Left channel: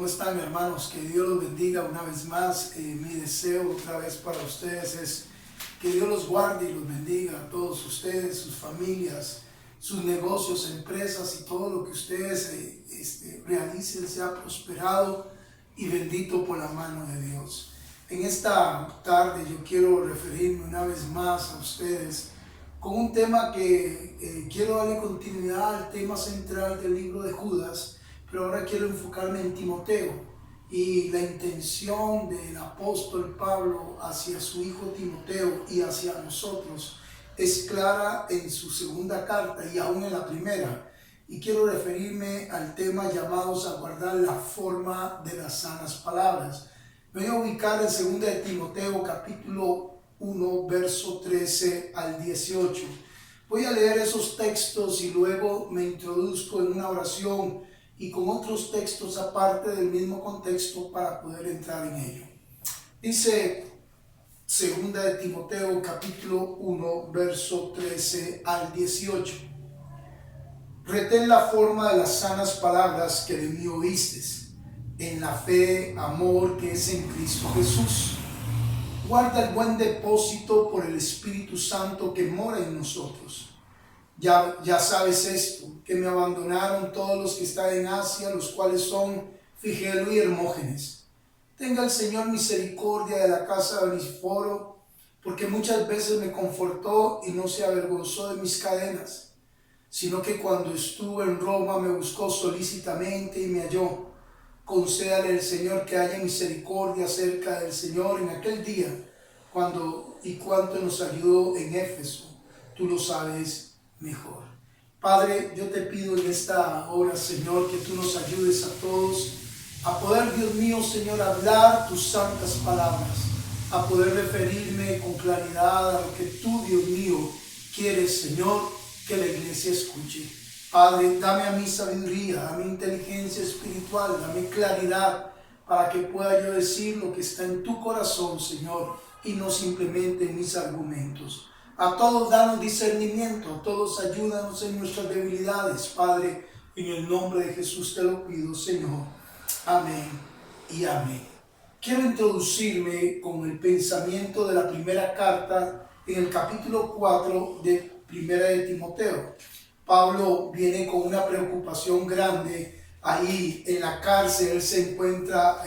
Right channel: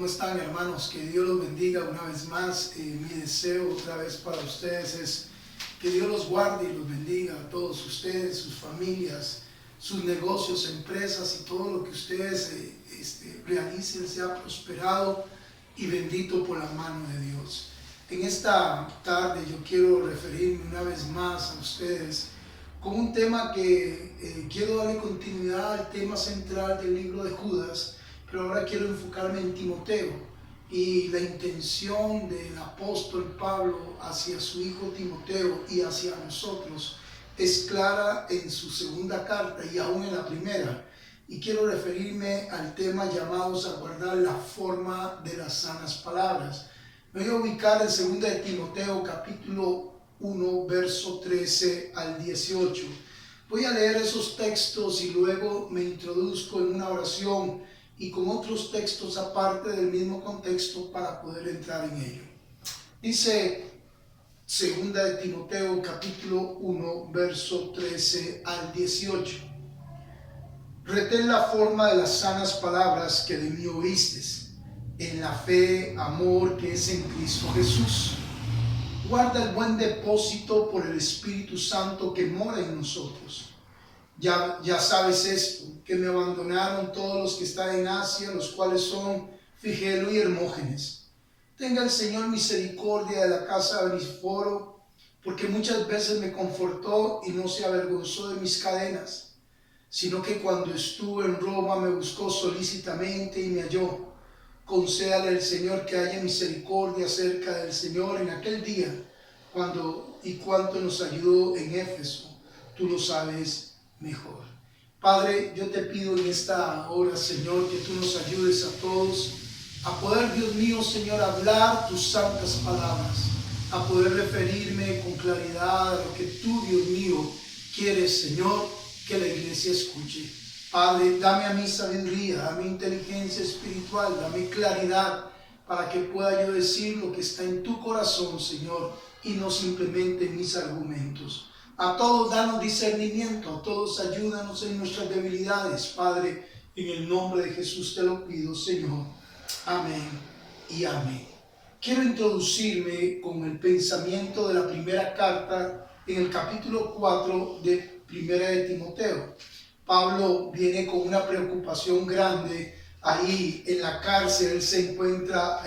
¿Cómo están, hermanos? Que Dios los bendiga una vez más. Mi deseo otra vez para ustedes es que Dios los guarde y los bendiga a todos ustedes, sus familias, sus negocios, empresas y todo lo que ustedes realicen sea prosperado y bendito por la mano de Dios. En esta tarde yo quiero referirme una vez más a ustedes con un tema que quiero darle continuidad al tema central del libro de Judas, pero ahora quiero enfocarme en Timoteo y la intención del apóstol Pablo hacia su hijo Timoteo y hacia nosotros es clara en su segunda carta y aún en la primera, y quiero referirme al tema llamados a guardar la forma de las sanas palabras. Me voy a ubicar en 2 de Timoteo capítulo 1 verso 13 al 18. Voy a leer esos textos y luego me introduzco en una oración y con otros textos aparte del mismo contexto para poder entrar en ello. Dice 2 de Timoteo capítulo 1 verso 13 al 18. Retén la forma de las sanas palabras que de mí oístes, en la fe, amor que es en Cristo Jesús. Guarda el buen depósito por el Espíritu Santo que mora en nosotros. Ya sabes esto, que me abandonaron todos los que están en Asia, los cuales son Figelo y Hermógenes. Tenga el Señor misericordia de la casa de Onesíforo, porque muchas veces me confortó y no se avergonzó de mis cadenas, sino que cuando estuve en Roma me buscó solícitamente y me halló. Concédale el Señor que haya misericordia acerca del Señor en aquel día, cuando y cuánto nos ayudó en Éfeso, tú lo sabes mejor. Padre, yo te pido en esta hora, Señor, que tú nos ayudes a todos a poder, Dios mío, Señor, hablar tus santas palabras, a poder referirme con claridad a lo que tú, Dios mío, quieres, Señor, que la iglesia escuche. Padre, dame a mí sabiduría, dame inteligencia espiritual, dame claridad para que pueda yo decir lo que está en tu corazón, Señor, y no simplemente en mis argumentos. A todos danos discernimiento, a todos ayúdanos en nuestras debilidades, Padre, en el nombre de Jesús te lo pido, Señor. Amén y amén. Quiero introducirme con el pensamiento de la primera carta en el capítulo 4 de Primera de Timoteo. Pablo viene con una preocupación grande ahí en la cárcel, él se encuentra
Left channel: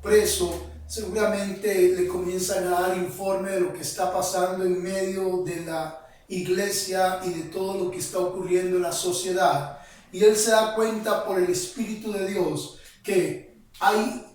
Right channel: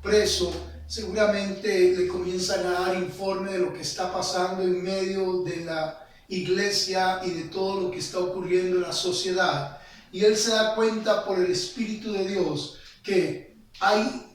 preso. Seguramente le comienzan a dar informe de lo que está pasando en medio de la iglesia y de todo lo que está ocurriendo en la sociedad. Y él se da cuenta por el Espíritu de Dios que hay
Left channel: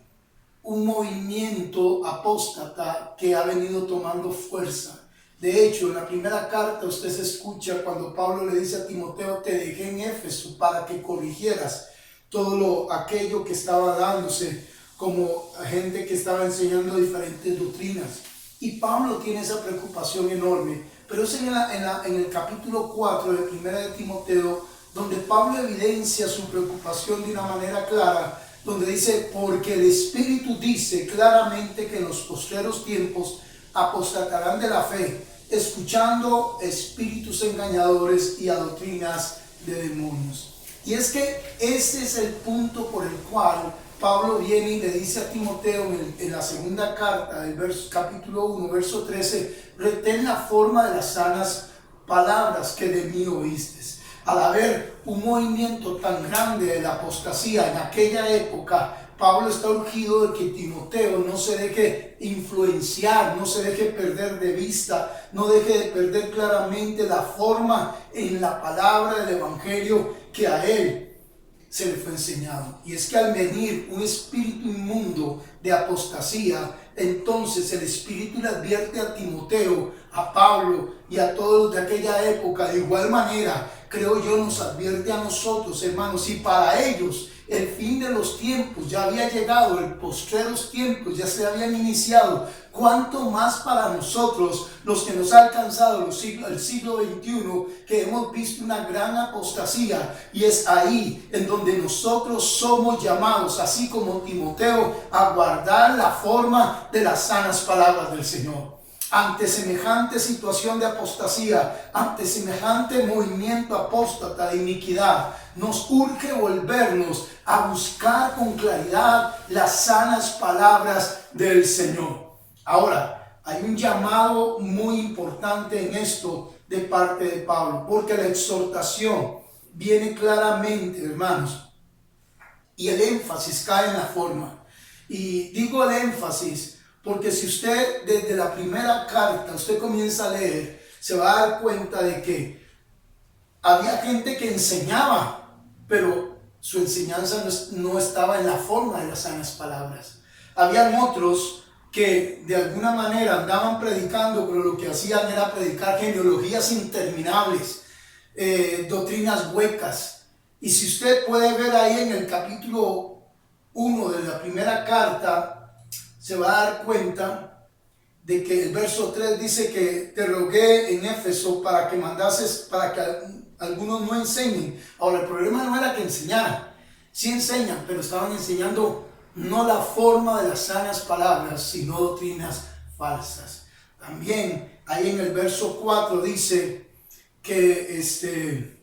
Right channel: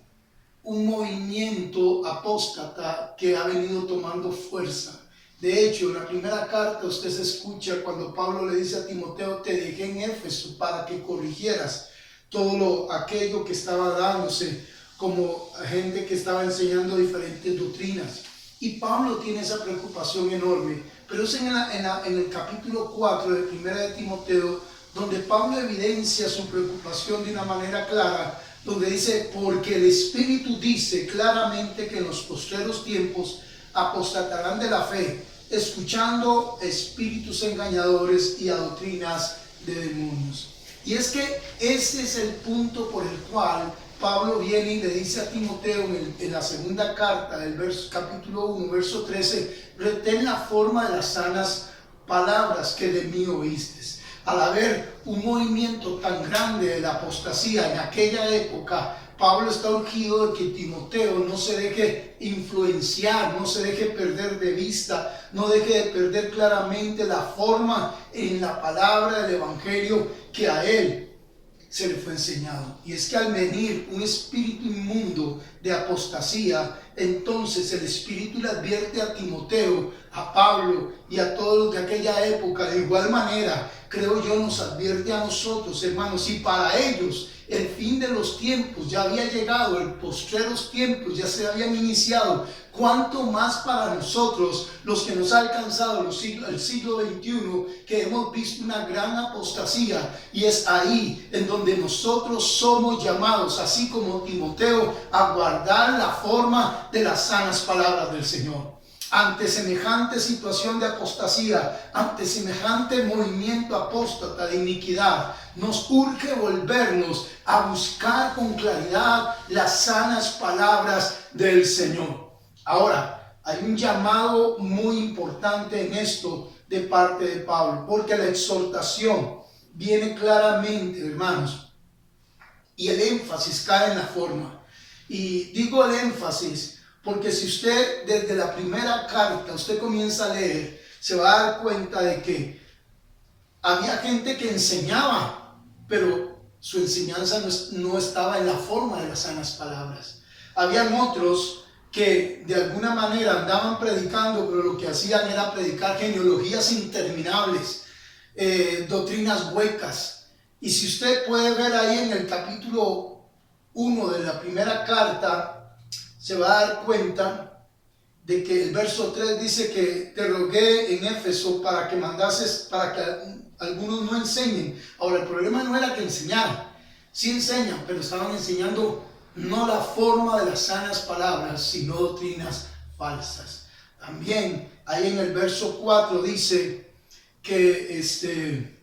un movimiento apóstata que ha venido tomando fuerza. De hecho, en la primera carta usted se escucha cuando Pablo le dice a Timoteo: te dejé en Éfeso para que corrigieras todo aquello que estaba dándose como gente que estaba enseñando diferentes doctrinas. Y Pablo tiene esa preocupación enorme, pero es en el capítulo 4 de Primera de Timoteo donde Pablo evidencia su preocupación de una manera clara, donde dice: porque el Espíritu dice claramente que en los postreros tiempos apostatarán de la fe, escuchando espíritus engañadores y a doctrinas de demonios. Y es que ese es el punto por el cual Pablo viene y le dice a Timoteo en la segunda carta, capítulo 1, verso 13, retén la forma de las sanas palabras que de mí oíste. Al haber un movimiento tan grande de la apostasía en aquella época, Pablo está urgido de que Timoteo no se deje influenciar, no se deje perder de vista, no deje de perder claramente la forma en la palabra del evangelio que a él se le fue enseñado. Y es que al venir un espíritu inmundo de apostasía, entonces el Espíritu le advierte a Timoteo, a Pablo y a todos los de aquella época. De igual manera, creo yo, nos advierte a nosotros, hermanos, y para ellos el fin de los tiempos ya había llegado, el postreros tiempos ya se habían iniciado. Cuánto más para nosotros, los que nos ha alcanzado el siglo XXI, que hemos visto una gran apostasía, y es ahí en donde nosotros somos llamados, así como Timoteo, a guardar la forma de las sanas palabras del Señor. ante semejante situación de apostasía, ante semejante movimiento apóstata de iniquidad, nos urge volvernos a buscar con claridad las sanas palabras del Señor. Ahora, hay un llamado muy importante en esto de parte de Pablo, porque la exhortación viene claramente, hermanos, y el énfasis cae en la forma. Y digo el énfasis porque si usted desde la primera carta, usted comienza a leer, se va a dar cuenta de que había gente que enseñaba, pero su enseñanza no estaba en la forma de las sanas palabras. Habían otros que de alguna manera andaban predicando, pero lo que hacían era predicar genealogías interminables, doctrinas huecas. Y si usted puede ver ahí en el capítulo 1 de la primera carta, se va a dar cuenta de que el verso 3 dice que te rogué en Éfeso para que mandases, para que algunos no enseñen. Ahora, el problema no era que enseñaran, sí enseñan, pero estaban enseñando no la forma de las sanas palabras, sino doctrinas falsas. También ahí en el verso 4 dice que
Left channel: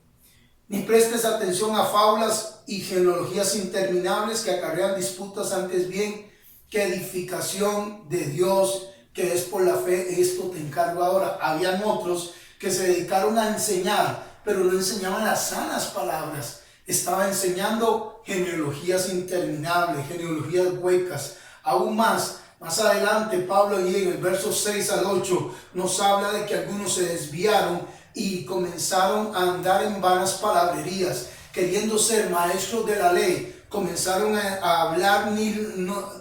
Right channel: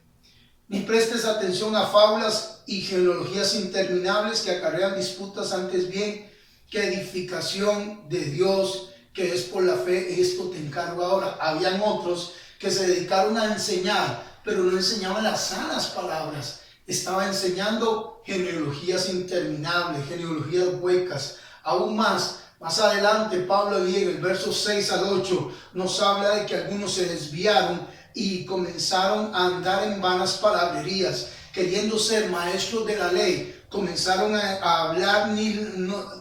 ni prestes atención a fábulas y genealogías interminables que acarrean disputas, antes bien que edificación de Dios, que es por la fe. Esto te encargo ahora. Habían otros que se dedicaron a enseñar, pero no enseñaban las sanas palabras. Estaba enseñando genealogías interminables, genealogías huecas. Aún más adelante, Pablo ahí en el verso 6 al 8 nos habla de que algunos se desviaron y comenzaron a andar en vanas palabrerías, queriendo ser maestros de la ley. Comenzaron a hablar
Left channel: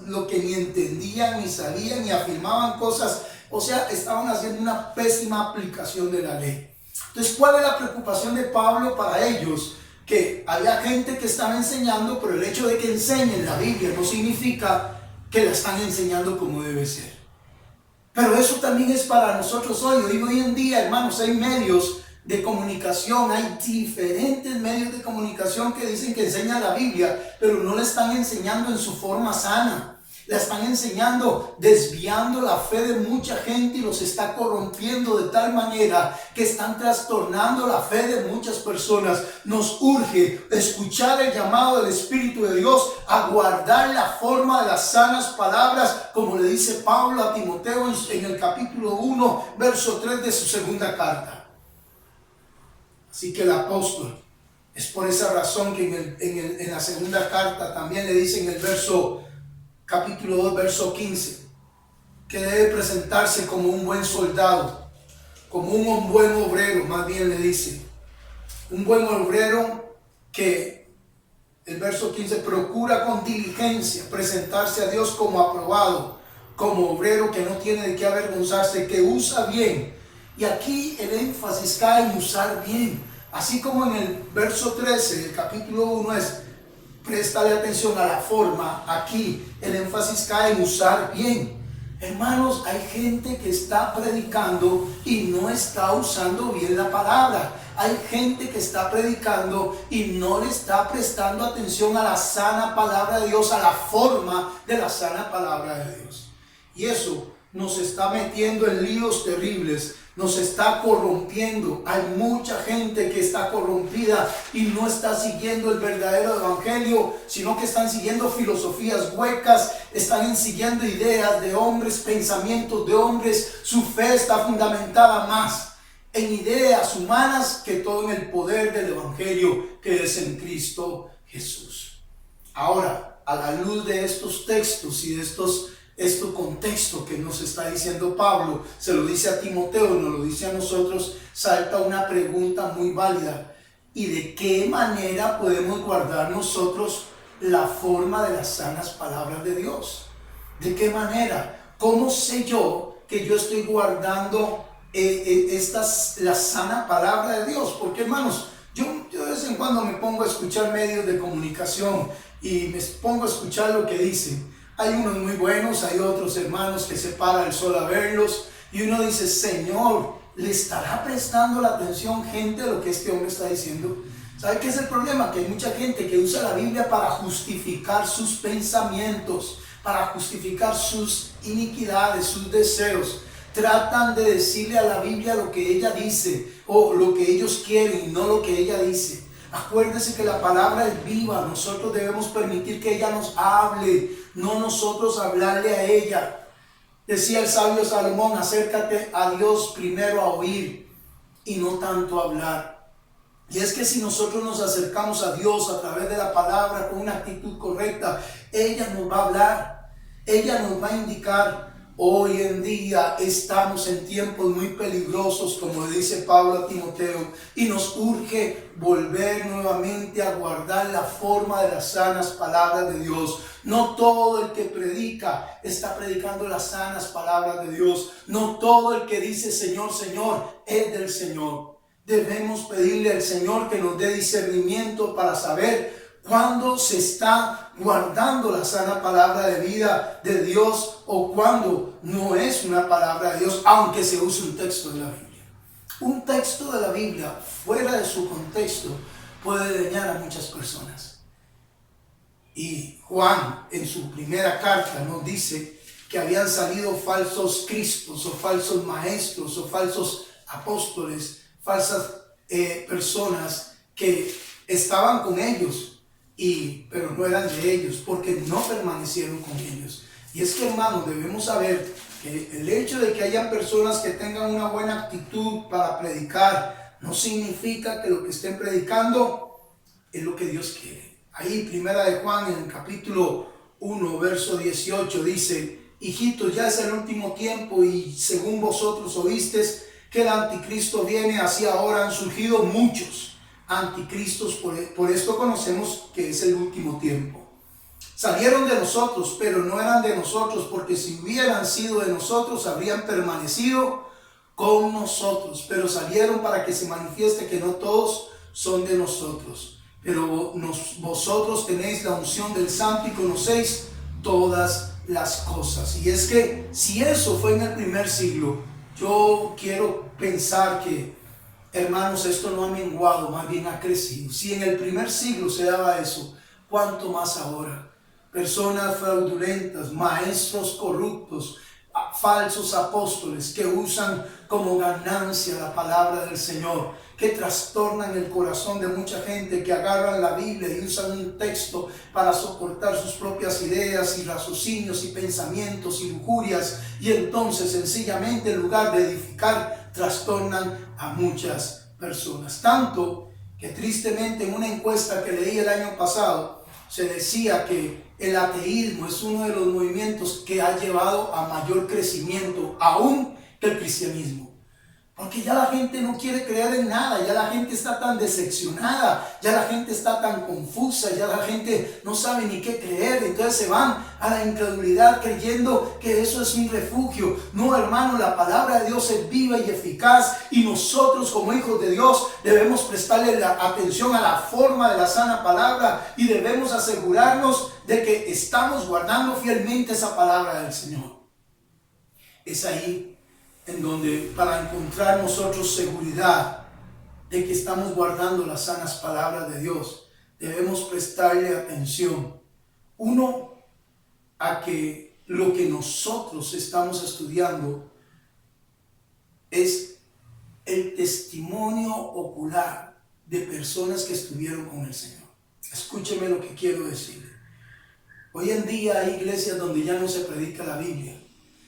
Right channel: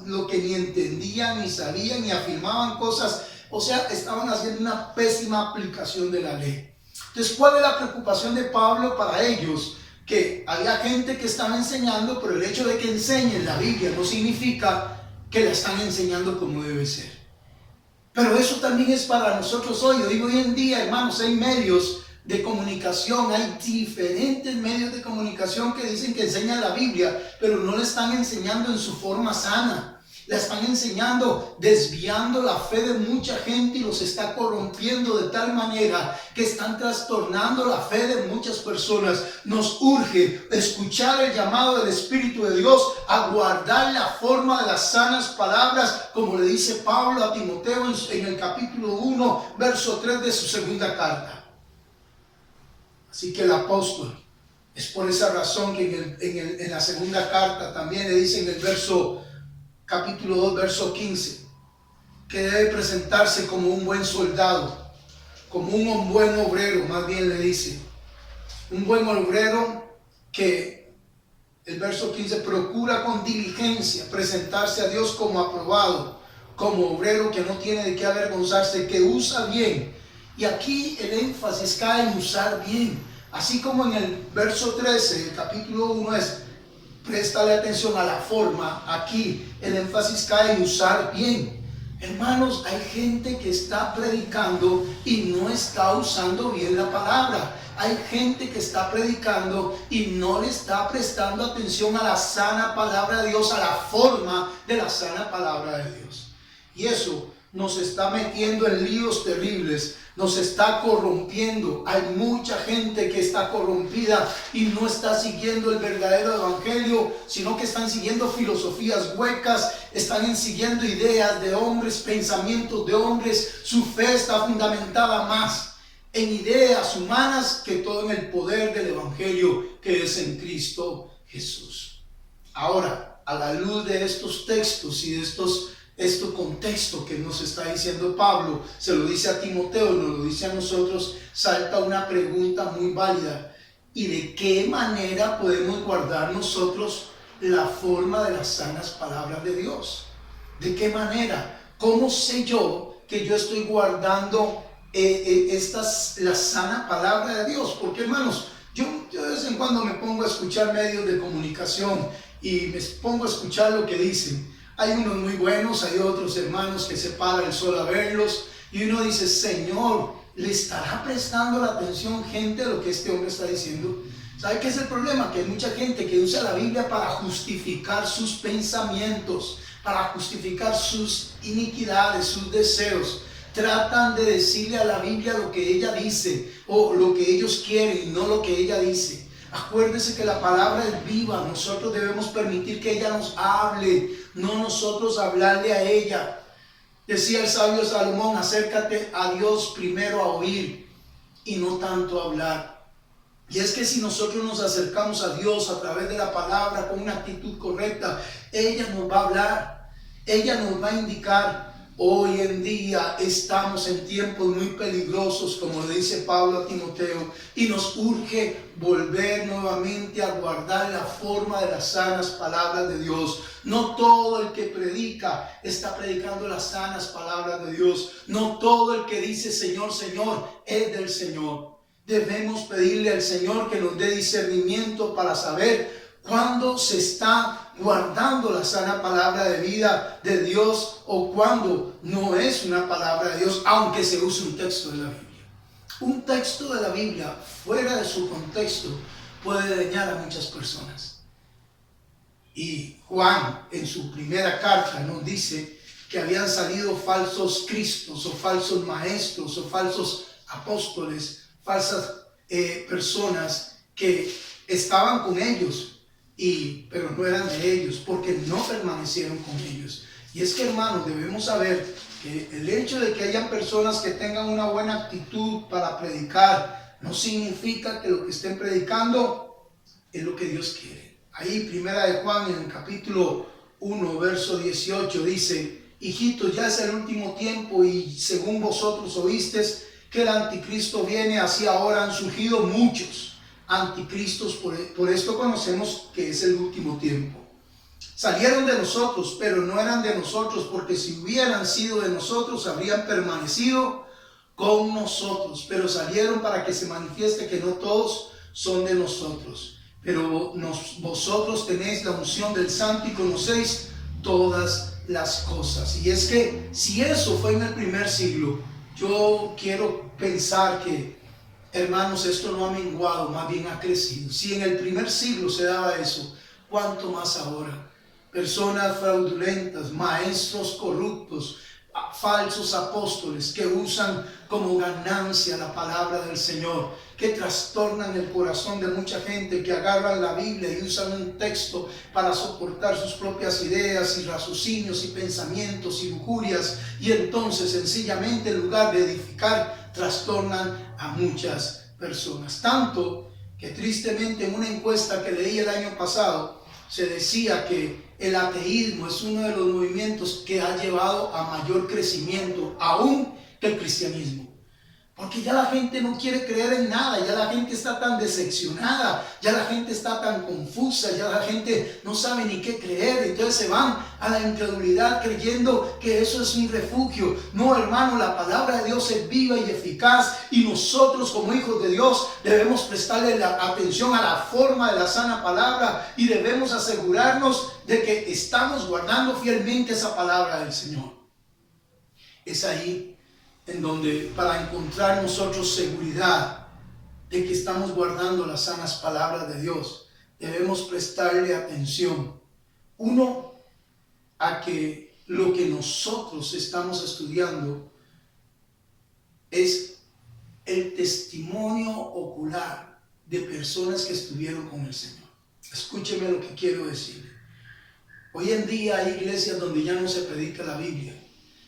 lo que ni entendían, ni sabían, ni afirmaban cosas. O sea, estaban haciendo una pésima aplicación de la ley. Entonces, ¿cuál es la preocupación de Pablo para ellos? Que había gente que estaba enseñando, pero el hecho de que enseñen la Biblia no significa que la están enseñando como debe ser. Pero eso también es para nosotros hoy. Hoy en día, hermanos, hay medios de comunicación, hay diferentes medios de comunicación que dicen que enseñan la Biblia, pero no la están enseñando en su forma sana. La están enseñando desviando la fe de mucha gente y los está corrompiendo de tal manera que están trastornando la fe de muchas personas. Nos urge escuchar el llamado del Espíritu de Dios a guardar la forma de las sanas palabras, como le dice Pablo a Timoteo en el capítulo 1, verso 3 de su segunda carta. Así que el apóstol, es por esa razón que en la segunda carta también le dice en el capítulo 2, verso 15, que debe presentarse como un buen soldado, como un buen obrero, más bien le dice. Un buen obrero que, el verso 15, procura con diligencia presentarse a Dios como aprobado, como obrero que no tiene de qué avergonzarse, que usa bien. Y aquí el énfasis cae en usar bien. Así como en el verso 13 del capítulo 1 es préstale atención a la forma, aquí el énfasis cae en usar bien. Hermanos, hay gente que está predicando y no está usando bien la palabra. Hay gente que está predicando y no le está prestando atención a la sana palabra de Dios, a la forma de la sana palabra de Dios. Y eso nos está metiendo en líos terribles, nos está corrompiendo. Hay mucha gente que está corrompida y no está siguiendo el verdadero evangelio, sino que están siguiendo filosofías huecas, están siguiendo ideas de hombres, pensamientos de hombres. Su fe está fundamentada más en ideas humanas que todo en el poder del evangelio que es en Cristo Jesús. Ahora, a la luz de estos textos y de este contexto que nos está diciendo Pablo, se lo dice a Timoteo, nos lo dice a nosotros, salta una pregunta muy válida. ¿Y de qué manera podemos guardar nosotros la forma de las sanas palabras de Dios? ¿De qué manera? ¿Cómo sé yo que yo estoy guardando la sana palabra de Dios? Porque, hermanos, yo de vez en cuando me pongo a escuchar medios de comunicación y me pongo a escuchar lo que dicen. Hay unos muy buenos, hay otros hermanos que se para el sol a verlos y uno dice, Señor, ¿le estará prestando la atención gente a lo que este hombre está diciendo? ¿Sabe qué es el problema? Que hay mucha gente que usa la Biblia para justificar sus pensamientos, para justificar sus iniquidades, sus deseos. tratan de decirle a la Biblia lo que ella dice o lo que ellos quieren y no lo que ella dice. Acuérdense que la palabra es viva. Nosotros debemos permitir que ella nos hable, no nosotros hablarle a ella. Decía el sabio Salomón, acércate a Dios primero a oír y no tanto a hablar. Y es que si nosotros nos acercamos a Dios a través de la palabra con una actitud correcta, ella nos va a hablar, ella nos va a indicar. Hoy en día estamos en tiempos muy peligrosos, como le dice Pablo a Timoteo, y nos urge volver nuevamente a guardar la forma de las sanas palabras de Dios. No todo el que predica está predicando las sanas palabras de Dios. No todo el que dice Señor, Señor es del Señor. Debemos pedirle al Señor que nos dé discernimiento para saber cuando se está guardando la sana palabra de vida de Dios o cuando no es una palabra de Dios, aunque se use un texto de la Biblia. Un texto de la Biblia fuera de su contexto puede dañar a muchas personas. Y Juan en su primera carta nos dice que habían salido falsos cristos o falsos maestros o falsos apóstoles, falsas personas que estaban con ellos, pero no eran de ellos, porque no permanecieron con ellos. Y es que, hermanos, debemos saber que el hecho de que hayan personas que tengan una buena actitud para predicar no significa que lo que estén predicando es lo que Dios quiere. Ahí, primera de Juan, en el capítulo 1, verso 18, dice: hijitos, ya es el último tiempo, y según vosotros oísteis que el anticristo viene, así ahora han surgido muchos anticristos, por esto conocemos que es el último tiempo. Salieron de nosotros, pero no eran de nosotros, porque si hubieran sido de nosotros, habrían permanecido con nosotros. Pero salieron para que se manifieste que no todos son de nosotros. Pero vosotros tenéis la unción del Santo y conocéis todas las cosas. Y es que si eso fue en el primer siglo, yo quiero pensar que, hermanos, esto no ha menguado, más bien ha crecido. Si en el primer siglo se daba eso, ¿cuánto más ahora? Personas fraudulentas, maestros corruptos, falsos apóstoles que usan como ganancia la palabra del Señor, que trastornan el corazón de mucha gente, que agarran la Biblia y usan un texto para soportar sus propias ideas y raciocinios y pensamientos y lujurias, y entonces sencillamente en lugar de edificar, trastornan a muchas personas. Tanto que tristemente en una encuesta que leí el año pasado se decía que el ateísmo es uno de los movimientos que ha llevado a mayor crecimiento aún que el cristianismo. Porque ya la gente no quiere creer en nada, ya la gente está tan decepcionada, ya la gente está tan confusa, ya la gente no sabe ni qué creer, entonces se van a la incredulidad creyendo que eso es un refugio. No, hermano, la palabra de Dios es viva y eficaz, y nosotros como hijos de Dios debemos prestarle la atención a la forma de la sana palabra y debemos asegurarnos de que estamos guardando fielmente esa palabra del Señor. Es ahí en donde, para encontrar nosotros seguridad de que estamos guardando las sanas palabras de Dios, debemos prestarle atención. Uno, a que lo que nosotros estamos estudiando es el testimonio ocular de personas que estuvieron con el Señor. Escúcheme lo que quiero decir. Hoy en día hay iglesias donde ya no se predica la Biblia.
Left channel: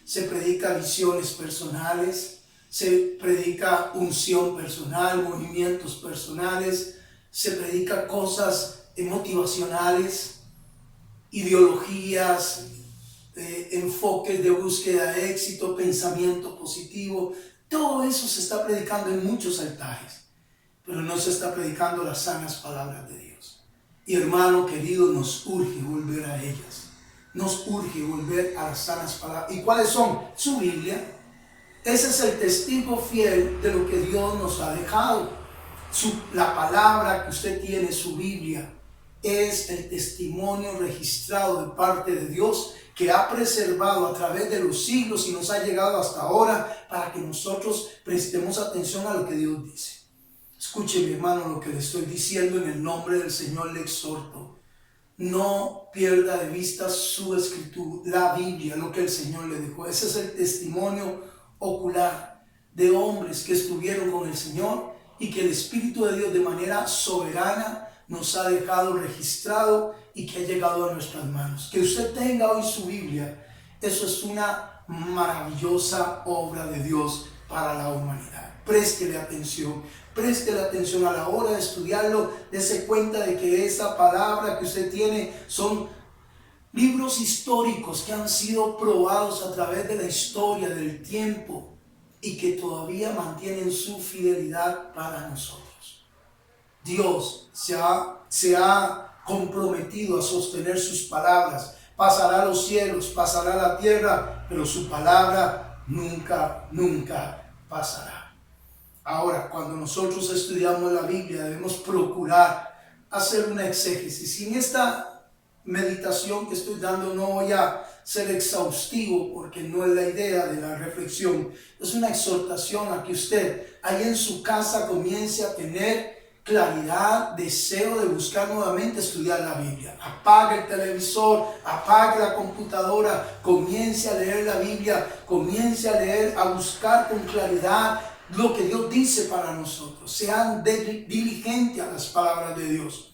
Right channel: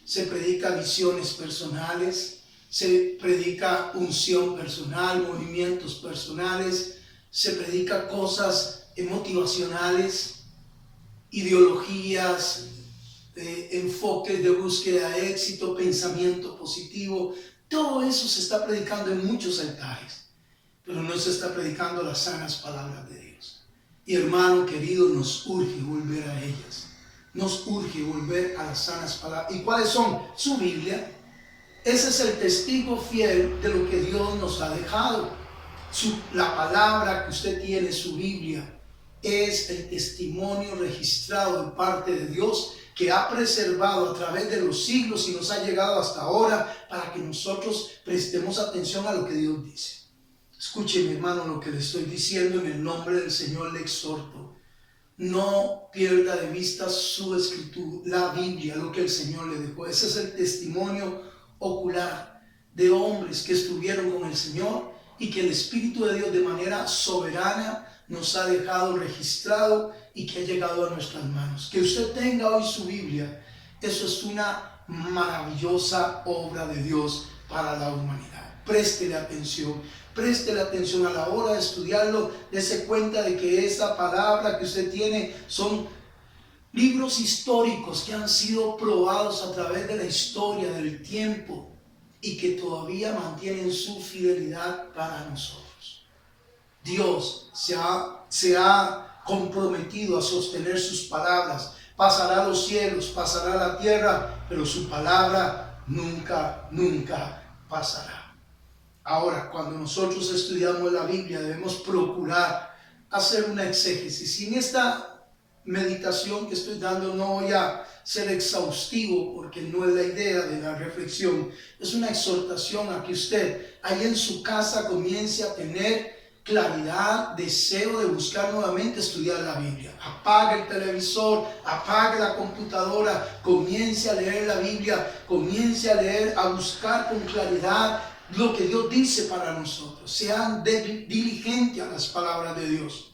Se predica visiones personales, se predica unción personal, movimientos personales, se predica cosas motivacionales, ideologías, enfoques de búsqueda de éxito, pensamiento positivo. Todo eso se está predicando en muchos altares, pero no se está predicando las sanas palabras de Dios. Y hermano querido, nos urge volver a ellas. Nos urge volver a las sanas palabras. ¿Y cuáles son? Su Biblia. Ese es el testigo fiel de lo que Dios nos ha dejado. La palabra que usted tiene, su Biblia, es el testimonio registrado de parte de Dios que ha preservado a través de los siglos y nos ha llegado hasta ahora para que nosotros prestemos atención a lo que Dios dice. Escuche, mi hermano, lo que le estoy diciendo en el nombre del Señor. Le exhorto: no pierda de vista su escritura, la Biblia, lo que el Señor le dejó. Ese es el testimonio ocular de hombres que estuvieron con el Señor y que el Espíritu de Dios de manera soberana nos ha dejado registrado y que ha llegado a nuestras manos. Que usted tenga hoy su Biblia, eso es una maravillosa obra de Dios para la humanidad. Préstele atención a la hora de estudiarlo, dése cuenta de que esa palabra que usted tiene son libros históricos que han sido probados a través de la historia, del tiempo, y que todavía mantienen su fidelidad para nosotros. Dios se ha comprometido a sostener sus palabras. Pasará los cielos, pasará la tierra, pero su palabra nunca pasará. Ahora, cuando nosotros estudiamos la Biblia, debemos procurar hacer una exégesis. Y en esta meditación que estoy dando no voy a ser exhaustivo, porque no es la idea de la reflexión. Es una exhortación a que usted ahí en su casa comience a tener claridad, deseo de buscar nuevamente estudiar la Biblia. Apague el televisor, apague la computadora, comience a leer la Biblia, comience a leer, a buscar con claridad lo que Dios dice para nosotros. Sean diligentes a las palabras de Dios.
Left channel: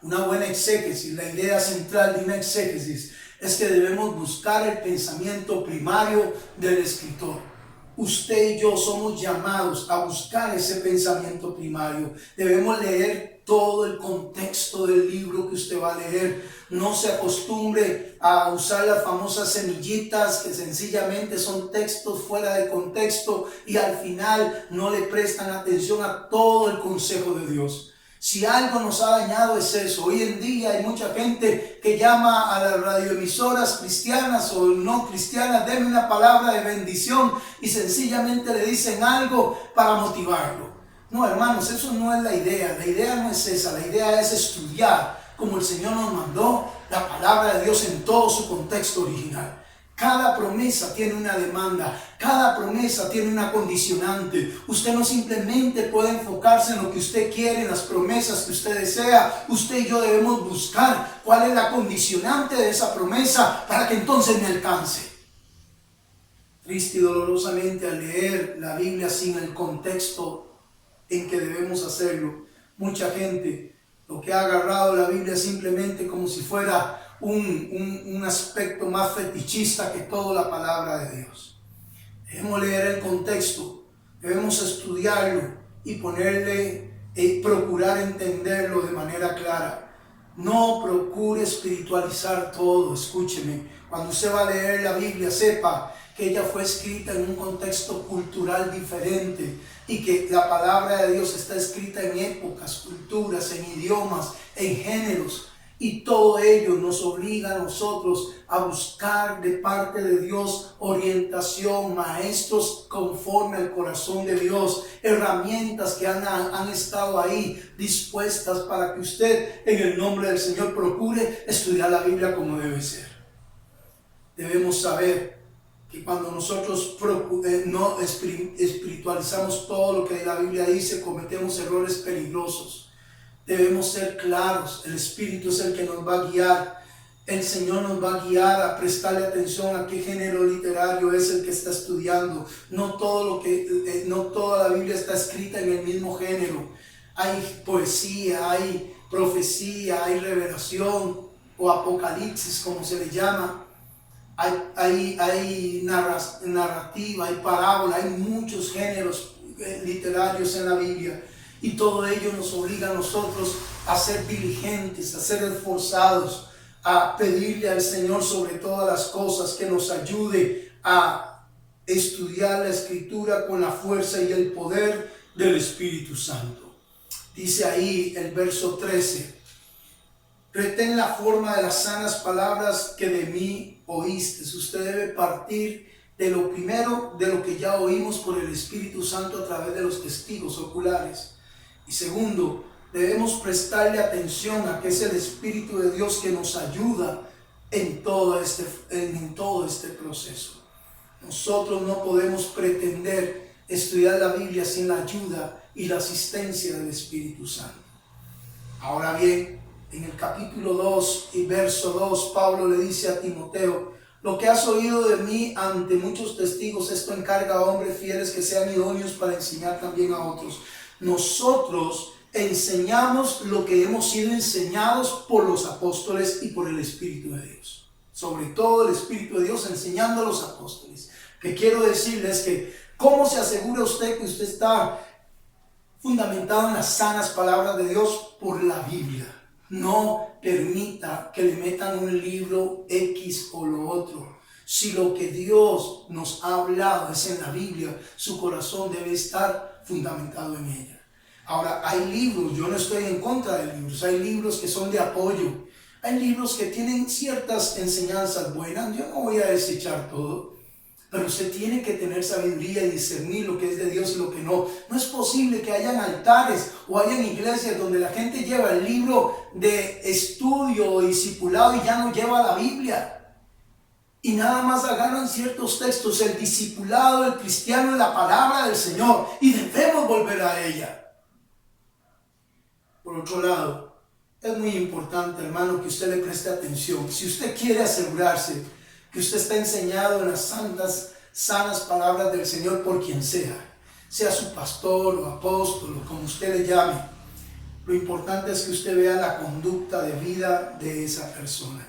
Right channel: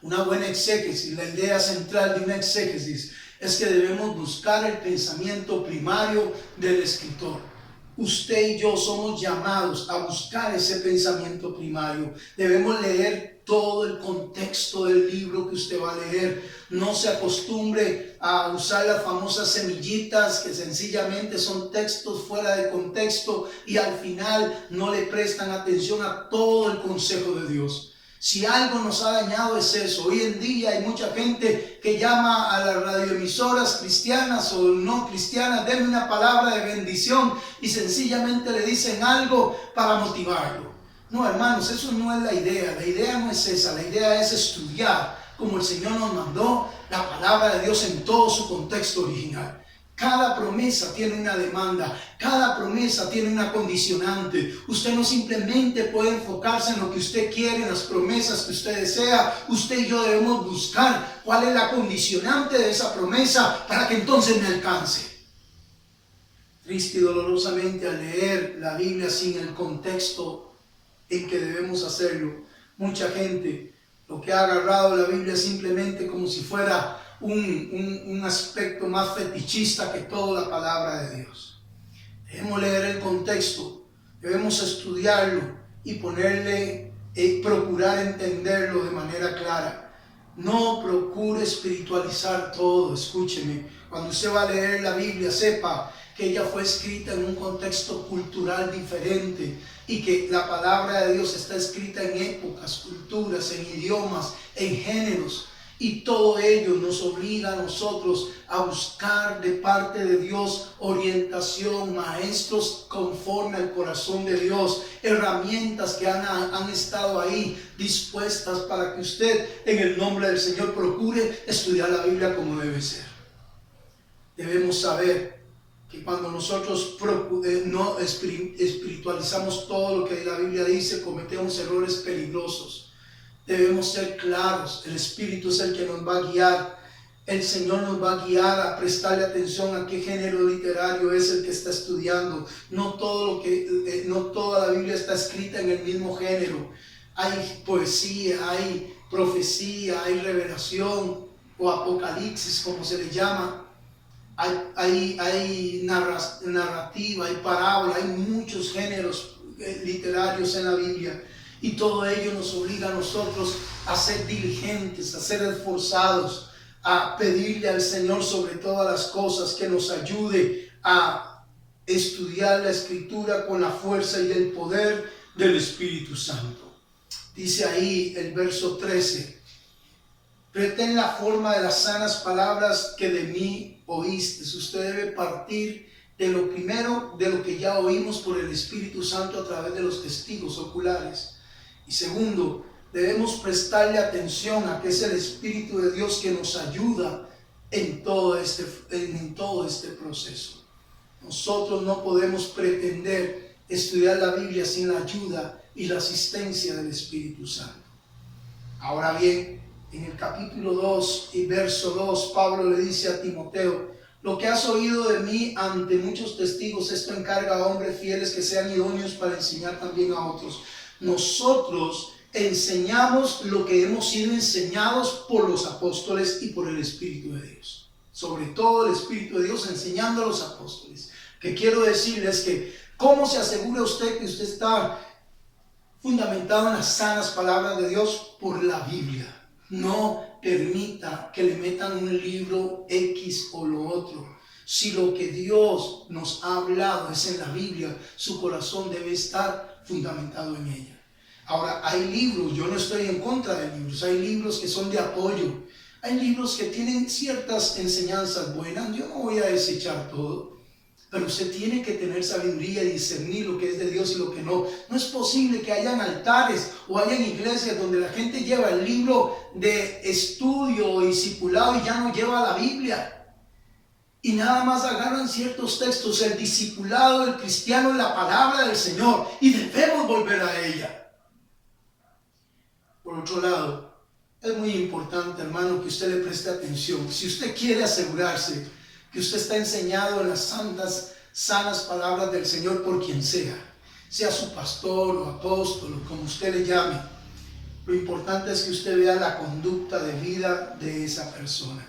Una buena exégesis, la idea central de una exégesis es que debemos buscar el pensamiento primario del escritor. Usted y yo somos llamados a buscar ese pensamiento primario. Debemos leer todo el contexto del libro que usted va a leer. No se acostumbre a usar las famosas semillitas que sencillamente son textos fuera de contexto y al final no le prestan atención a todo el consejo de Dios. Si algo nos ha dañado es eso. Hoy en día hay mucha gente que llama a las radioemisoras cristianas o no cristianas, denme una palabra de bendición, y sencillamente le dicen algo para motivarlo. No, hermanos, eso no es la idea. La idea no es esa. La idea es estudiar como el Señor nos mandó la palabra de Dios en todo su contexto original. Cada promesa tiene una demanda, cada promesa tiene una condicionante. Usted no simplemente puede enfocarse en lo que usted quiere, en las promesas que usted desea. Usted y yo debemos buscar cuál es la condicionante de esa promesa para que entonces me alcance. Triste y dolorosamente, al leer la Biblia sin el contexto en que debemos hacerlo, mucha gente lo que ha agarrado la Biblia simplemente como si fuera un aspecto más fetichista que toda la palabra de Dios. Debemos leer el contexto, debemos estudiarlo y procurar entenderlo de manera clara. No procure espiritualizar todo. Escúcheme, cuando usted va a leer la Biblia, sepa que ella fue escrita en un contexto cultural diferente y que la palabra de Dios está escrita en épocas, culturas, en idiomas, en géneros. Y todo ello nos obliga a nosotros a buscar de parte de Dios orientación, maestros conforme al corazón de Dios, herramientas que han estado ahí dispuestas para que usted en el nombre del Señor procure estudiar la Biblia como debe ser. Debemos saber que cuando nosotros no espiritualizamos todo lo que la Biblia dice, cometemos errores peligrosos. Debemos ser claros. El Espíritu es el que nos va a guiar. El Señor nos va a guiar a prestarle atención a qué género literario es el que está estudiando. No toda la Biblia está escrita en el mismo género. Hay poesía, hay profecía, hay revelación o apocalipsis, como se le llama. Hay narrativa, hay parábola, hay muchos géneros literarios en la Biblia. Y todo ello nos obliga a nosotros a ser diligentes, a ser esforzados, a pedirle al Señor sobre todas las cosas que nos ayude a estudiar la Escritura con la fuerza y el poder del Espíritu Santo. Dice ahí el verso 13: retén la forma de las sanas palabras que de mí oíste. Usted debe partir de lo primero, de lo que ya oímos por el Espíritu Santo a través de los testigos oculares. Y segundo, debemos prestarle atención a que es el Espíritu de Dios que nos ayuda en todo este proceso. Nosotros no podemos pretender estudiar la Biblia sin la ayuda y la asistencia del Espíritu Santo. Ahora bien, en el capítulo 2 y verso 2, Pablo le dice a Timoteo: Lo que has oído de mí ante muchos testigos, esto encarga a hombres fieles que sean idóneos para enseñar también a otros. Nosotros enseñamos lo que hemos sido enseñados por los apóstoles y por el Espíritu de Dios. Sobre todo el Espíritu de Dios enseñando a los apóstoles. Que quiero decirles que, ¿cómo se asegura usted que usted está fundamentado en las sanas palabras de Dios? Por la Biblia. No permita que le metan un libro X o lo otro. Si lo que Dios nos ha hablado es en la Biblia, su corazón debe estar fundamentado en ella. Ahora, hay libros, yo no estoy en contra de libros, hay libros que son de apoyo, hay libros que tienen ciertas enseñanzas buenas, yo no voy a desechar todo. Pero usted tiene que tener sabiduría y discernir lo que es de Dios y lo que no. No es posible que hayan altares o hayan iglesias donde la gente lleva el libro de estudio o discipulado y ya no lleva la Biblia. Y nada más agarran ciertos textos. El discipulado del cristiano es la palabra del Señor y debemos volver a ella. Por otro lado, es muy importante, hermano, que usted le preste atención. Si usted quiere asegurarse que usted está enseñado en las santas, sanas palabras del Señor por quien sea su pastor o apóstol o como usted le llame, lo importante es que usted vea la conducta de vida de esa persona.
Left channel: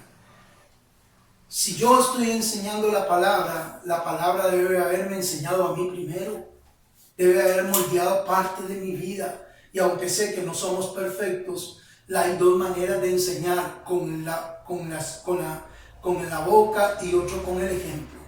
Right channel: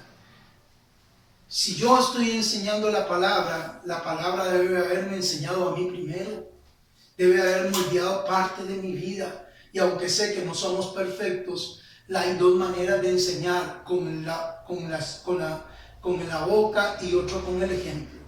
Si yo estoy enseñando la palabra debe haberme enseñado a mí primero, debe haber moldeado parte de mi vida. Y aunque sé que no somos perfectos, hay dos maneras de enseñar, con la boca y otro con el ejemplo.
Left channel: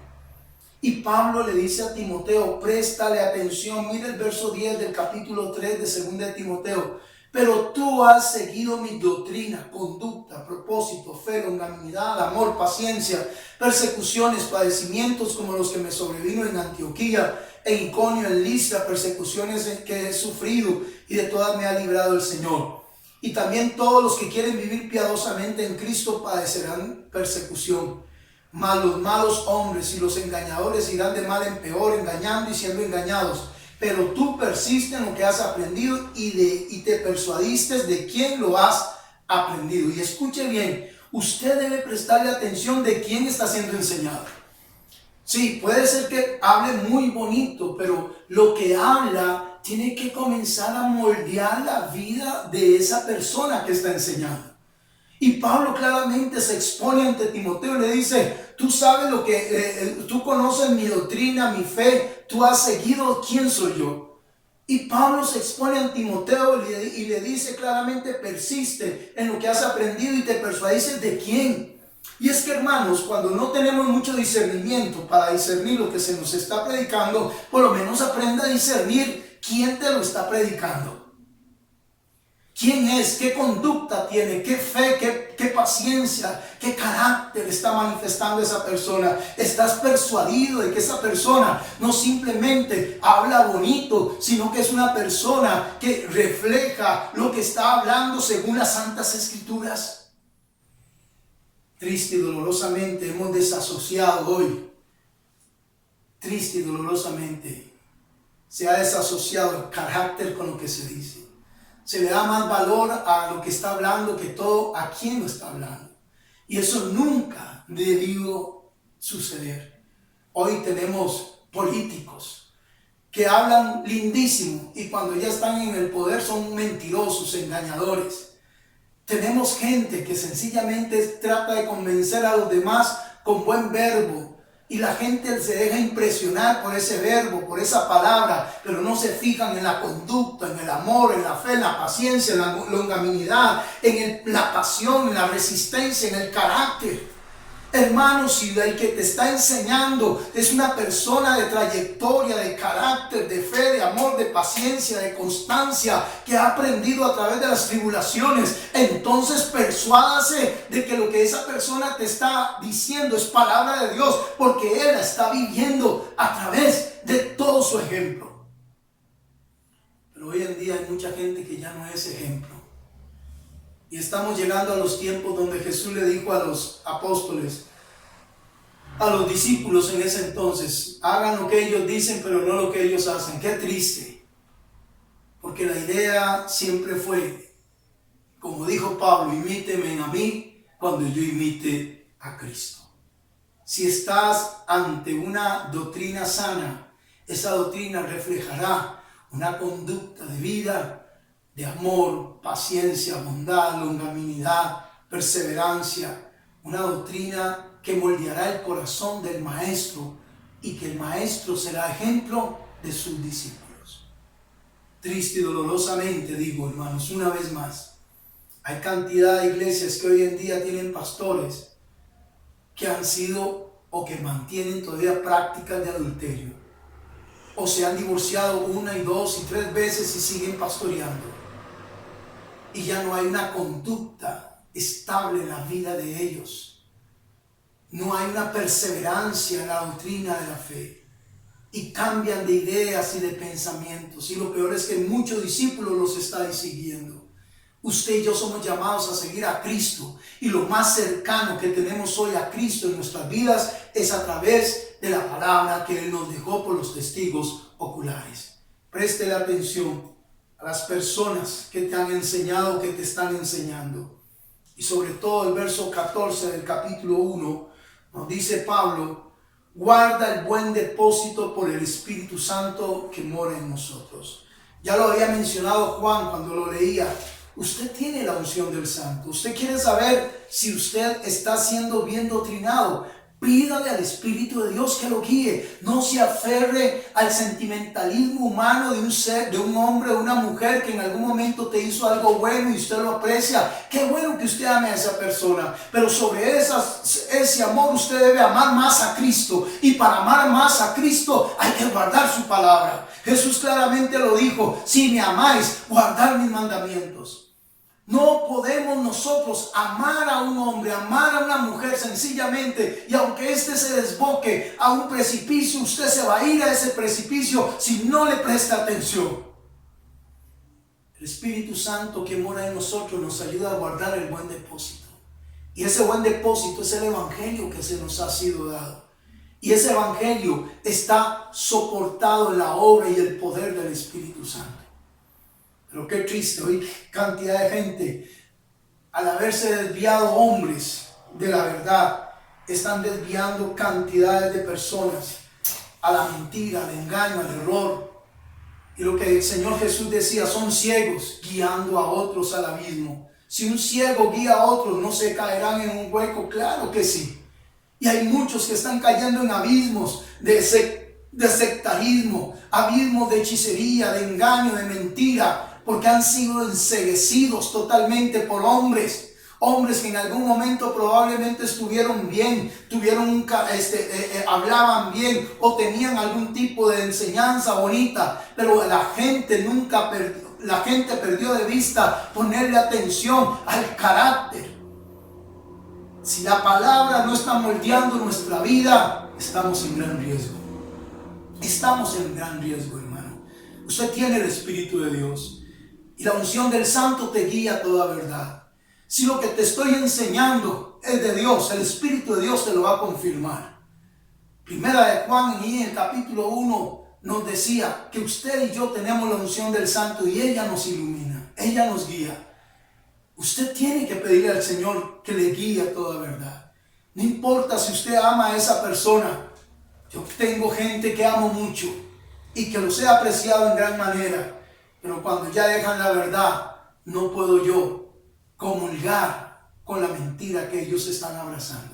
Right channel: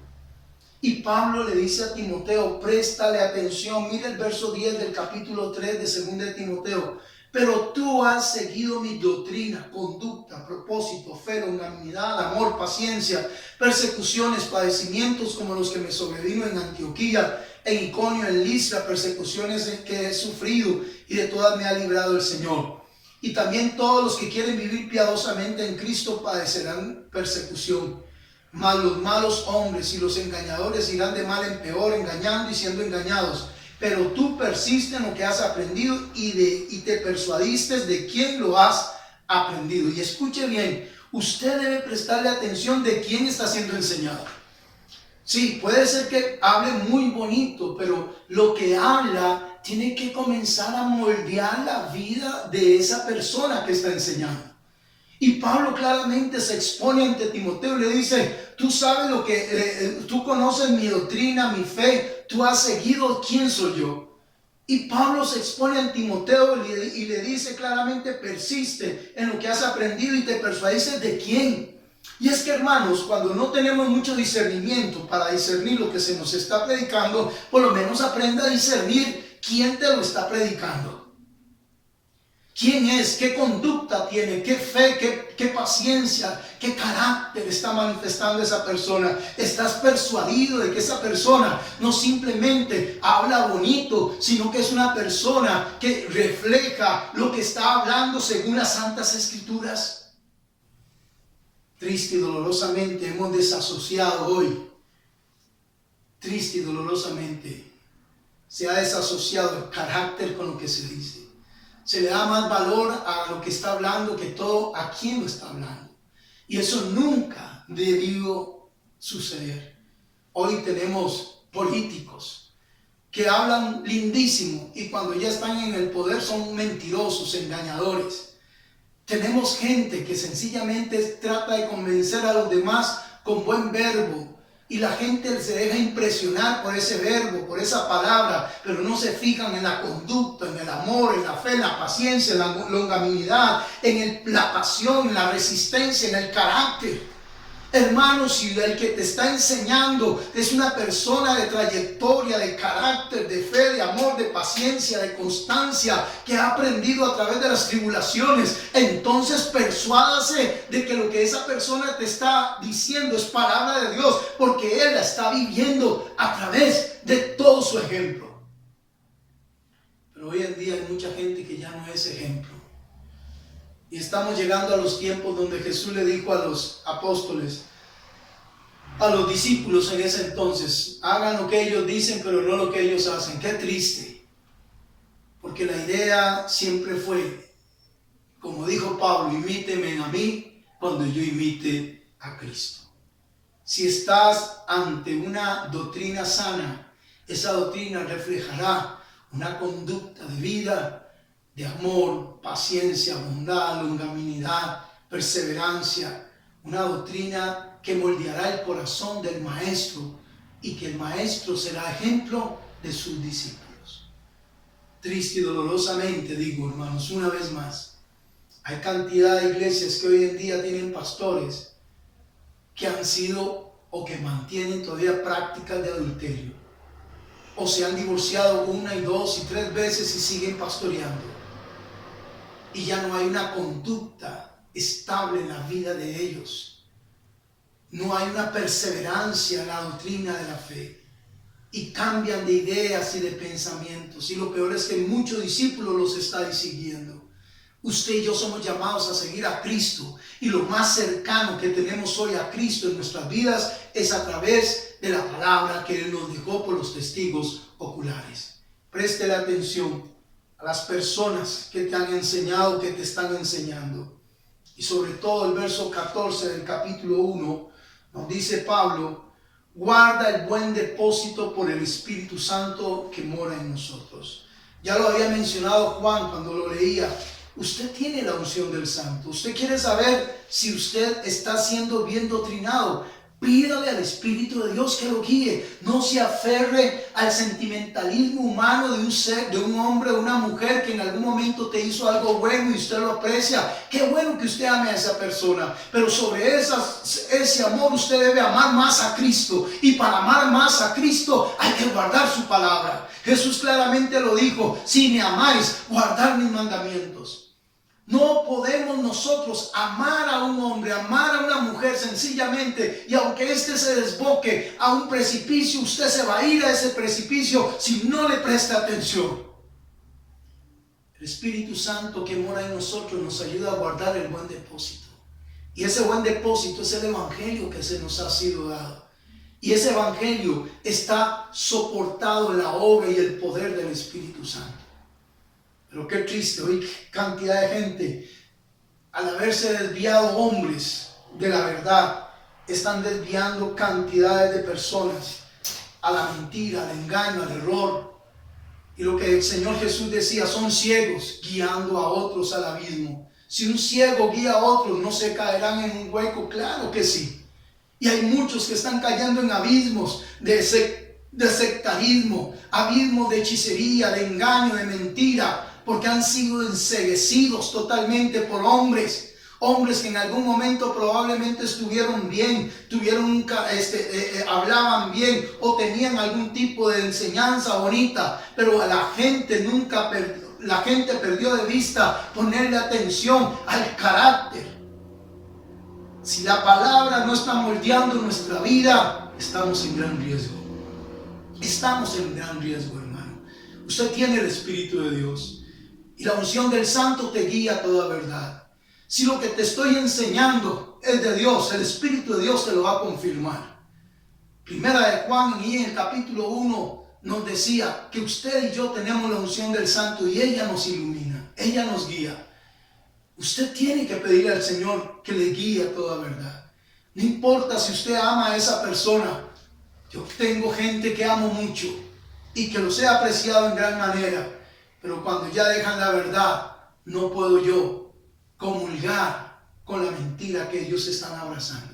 Y Pablo le dice a Timoteo, préstale atención. Mira el verso 10 del capítulo 3 de 2 de Timoteo. Pero tú has seguido mi doctrina, conducta, propósito, fe, longanimidad, amor, paciencia, persecuciones, padecimientos como los que me sobrevino en Antioquía, en Iconio, en Listra, persecuciones que he sufrido y de todas me ha librado el Señor. Y también todos los que quieren vivir piadosamente en Cristo padecerán persecución. Mas los malos hombres y los engañadores irán de mal en peor, engañando y siendo engañados. Pero tú persiste en lo que has aprendido y te persuadiste de quién lo has aprendido. Y escuche bien, usted debe prestarle atención de quién está siendo enseñado. Sí, puede ser que hable muy bonito, pero lo que habla tiene que comenzar a moldear la vida de esa persona que está enseñando. Y Pablo claramente se expone ante Timoteo y le dice, tú sabes lo que, tú conoces mi doctrina, mi fe, tú has seguido quién soy yo. Y Pablo se expone ante Timoteo y le dice claramente, persiste en lo que has aprendido y te persuadiste de quién. Y es que, hermanos, cuando no tenemos mucho discernimiento para discernir lo que se nos está predicando, por lo menos aprenda a discernir quién te lo está predicando. ¿Quién es? ¿Qué conducta tiene? ¿Qué fe? ¿Qué paciencia? ¿Qué carácter está manifestando esa persona? ¿Estás persuadido de que esa persona no simplemente habla bonito, sino que es una persona que refleja lo que está hablando según las Santas Escrituras? Triste y dolorosamente hemos desasociado hoy. Triste y dolorosamente se ha desasociado el carácter con lo que se dice. Se le da más valor a lo que está hablando que todo a quien lo está hablando. Y eso nunca debió suceder. Hoy tenemos políticos que hablan lindísimo y cuando ya están en el poder son mentirosos, engañadores. Tenemos gente que sencillamente trata de convencer a los demás con buen verbo. Y la gente se deja impresionar por ese verbo, por esa palabra, pero no se fijan en la conducta, en el amor, en la fe, en la paciencia, en la longanimidad, en la pasión, en la resistencia, en el carácter. Hermanos, si el que te está enseñando es una persona de trayectoria, de carácter, de fe, de amor, de paciencia, de constancia, que ha aprendido a través de las tribulaciones, entonces persuádase de que lo que esa persona te está diciendo es palabra de Dios, porque Él la está viviendo a través de todo su ejemplo. Pero hoy en día hay mucha gente que ya no es ejemplo. Y estamos llegando a los tiempos donde Jesús le dijo a los apóstoles, a los discípulos en ese entonces, hagan lo que ellos dicen, pero no lo que ellos hacen. Qué triste. Porque la idea siempre fue, como dijo Pablo, imíteme a mí cuando yo imite a Cristo. Si estás ante una doctrina sana, esa doctrina reflejará una conducta de vida, de amor, paciencia, bondad, longanimidad, perseverancia, una doctrina que moldeará el corazón del maestro y que el maestro será ejemplo de sus discípulos. Triste y dolorosamente digo, hermanos, una vez más, hay cantidad de iglesias que hoy en día tienen pastores que han sido o que mantienen todavía prácticas de adulterio, o se han divorciado 1 y 2 y 3 veces y siguen pastoreando, y ya no hay una conducta estable en la vida de ellos, no hay una perseverancia en la doctrina de la fe, y cambian de ideas y de pensamientos, y lo peor es que muchos discípulos los están siguiendo. Usted y yo somos llamados a seguir a Cristo, y lo más cercano que tenemos hoy a Cristo en nuestras vidas es a través de la palabra que Él nos dejó por los testigos oculares. Preste atención a las personas que te han enseñado, que te están enseñando. Y sobre todo el verso 14 del capítulo 1 nos dice Pablo: guarda el buen depósito por el Espíritu Santo que mora en nosotros. Ya lo había mencionado Juan cuando lo leía. Usted tiene la unción del Santo. Usted quiere saber si usted está siendo bien doctrinado. Pídale al Espíritu de Dios que lo guíe. No se aferre al sentimentalismo humano de un ser, de un hombre o una mujer que en algún momento te hizo algo bueno y usted lo aprecia. Qué bueno que usted ame a esa persona. Pero sobre ese amor usted debe amar más a Cristo. Y para amar más a Cristo hay que guardar su palabra. Jesús claramente lo dijo: si me amáis, guardad mis mandamientos. No podemos nosotros amar a un hombre, amar a una mujer sencillamente, y aunque éste se desboque a un precipicio, usted se va a ir a ese precipicio si no le presta atención. El Espíritu Santo que mora en nosotros nos ayuda a guardar el buen depósito. Y ese buen depósito es el Evangelio que se nos ha sido dado. Y ese Evangelio está soportado en la obra y el poder del Espíritu Santo. Pero qué triste, hoy cantidad de gente, al haberse desviado hombres de la verdad, están desviando cantidades de personas a la mentira, al engaño, al error. Y lo que el Señor Jesús decía, son ciegos guiando a otros al abismo. Si un ciego guía a otros, ¿no se caerán en un hueco? Claro que sí. Y hay muchos que están cayendo en abismos de sectarismo, abismos de hechicería, de engaño, de mentira, porque han sido enceguecidos totalmente por hombres que en algún momento probablemente estuvieron bien, hablaban bien o tenían algún tipo de enseñanza bonita, pero la gente perdió de vista ponerle atención al carácter. Si la palabra no está moldeando nuestra vida, estamos en gran riesgo. Estamos en gran riesgo, hermano. Usted tiene el Espíritu de Dios y la unción del Santo te guía a toda verdad. Si lo que te estoy enseñando es de Dios, el Espíritu de Dios te lo va a confirmar. Primera de Juan, y en el capítulo 1 nos decía que usted y yo tenemos la unción del Santo y ella nos ilumina, ella nos guía. Usted tiene que pedirle al Señor que le guíe a toda verdad. No importa si usted ama a esa persona. Yo tengo gente que amo mucho y que los he apreciado en gran manera, pero cuando ya dejan la verdad, no puedo yo comulgar con la mentira que ellos están abrazando.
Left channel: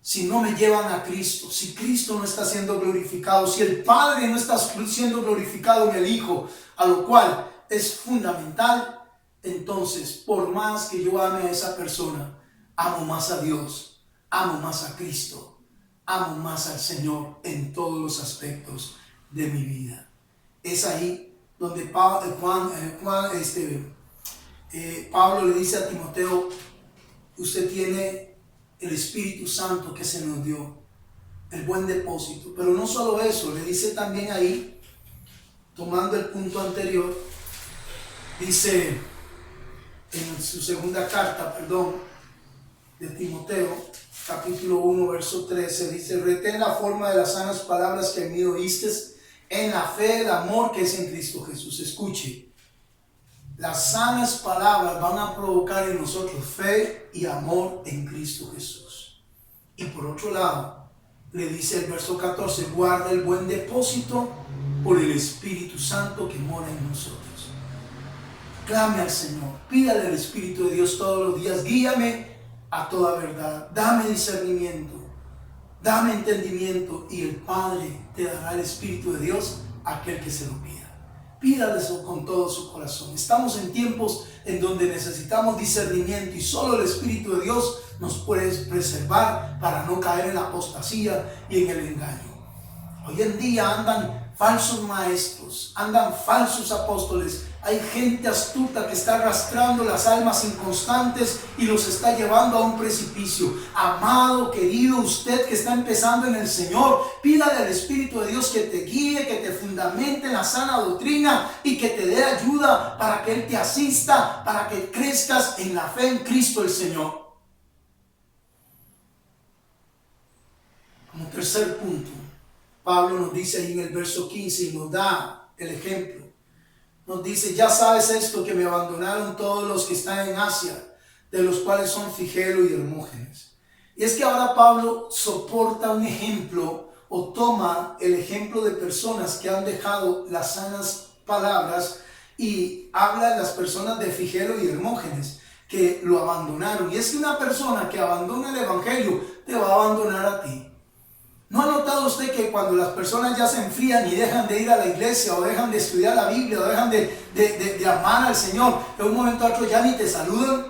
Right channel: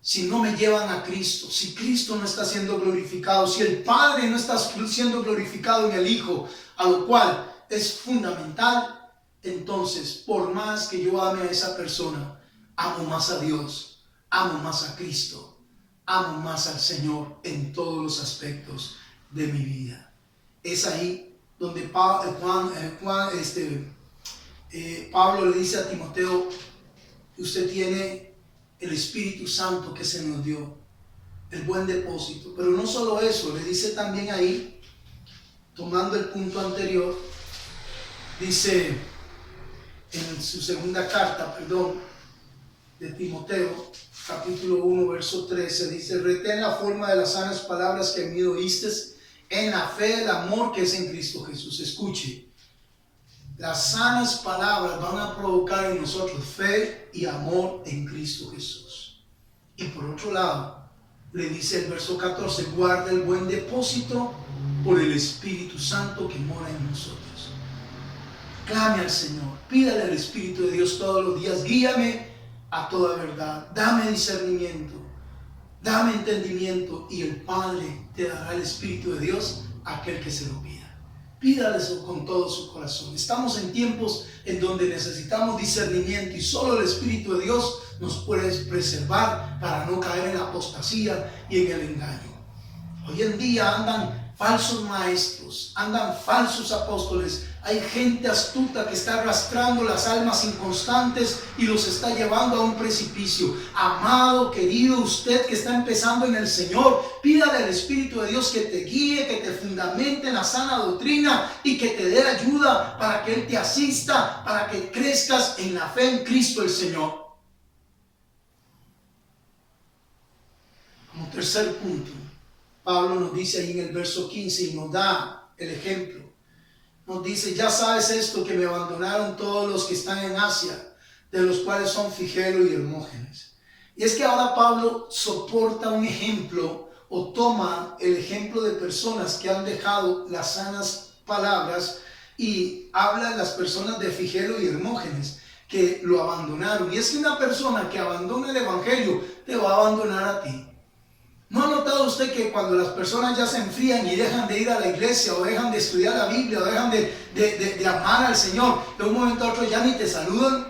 Si no me llevan a Cristo, si Cristo no está siendo glorificado, si el Padre no está siendo glorificado en el Hijo, a lo cual es fundamental, entonces por más que yo ame a esa persona, amo más a Dios, amo más a Cristo, amo más al Señor en todos los aspectos de mi vida. Es ahí donde Pablo le dice a Timoteo: usted tiene el Espíritu Santo que se nos dio, el buen depósito. Pero no solo eso, le dice también ahí, tomando el punto anterior, dice en su segunda carta, de Timoteo, capítulo 1, verso 13, dice: retén la forma de las sanas palabras que en mí oíste, en la fe, el amor que es en Cristo Jesús. Escuche, las sanas palabras van a provocar en nosotros fe y amor en Cristo Jesús. Y por otro lado, le dice el verso 14, guarda el buen depósito por el Espíritu Santo que mora en nosotros. Clame al Señor, pídale al Espíritu de Dios todos los días, guíame a toda verdad, dame discernimiento, dame entendimiento, y el Padre te dará el Espíritu de Dios a aquel que se lo pida. Pídale eso con todo su corazón. Estamos en tiempos en donde necesitamos discernimiento y solo el Espíritu de Dios nos puede preservar para no caer en la apostasía y en el engaño. Hoy en día andan falsos maestros, andan falsos apóstoles. Hay gente astuta que está arrastrando las almas inconstantes y los está llevando a un precipicio. Amado, querido, usted que está empezando en el Señor, pídale al Espíritu de Dios que te guíe, que te fundamente en la sana doctrina y que te dé ayuda para que Él te asista, para que crezcas en la fe en Cristo el Señor. Como tercer punto, Pablo nos dice ahí en el verso 15 y nos da el ejemplo. Nos dice, ya sabes esto, que me abandonaron todos los que están en Asia, de los cuales son Figelo y Hermógenes. Y es que ahora Pablo soporta un ejemplo o toma el ejemplo de personas que han dejado las sanas palabras y habla de las personas de Figelo y Hermógenes que lo abandonaron. Y es que una persona que abandona el evangelio te va a abandonar a ti. ¿No ha notado usted que cuando las personas ya se enfrían y dejan de ir a la iglesia o dejan de estudiar la Biblia o dejan de amar al Señor, de un momento a otro ya ni te saludan,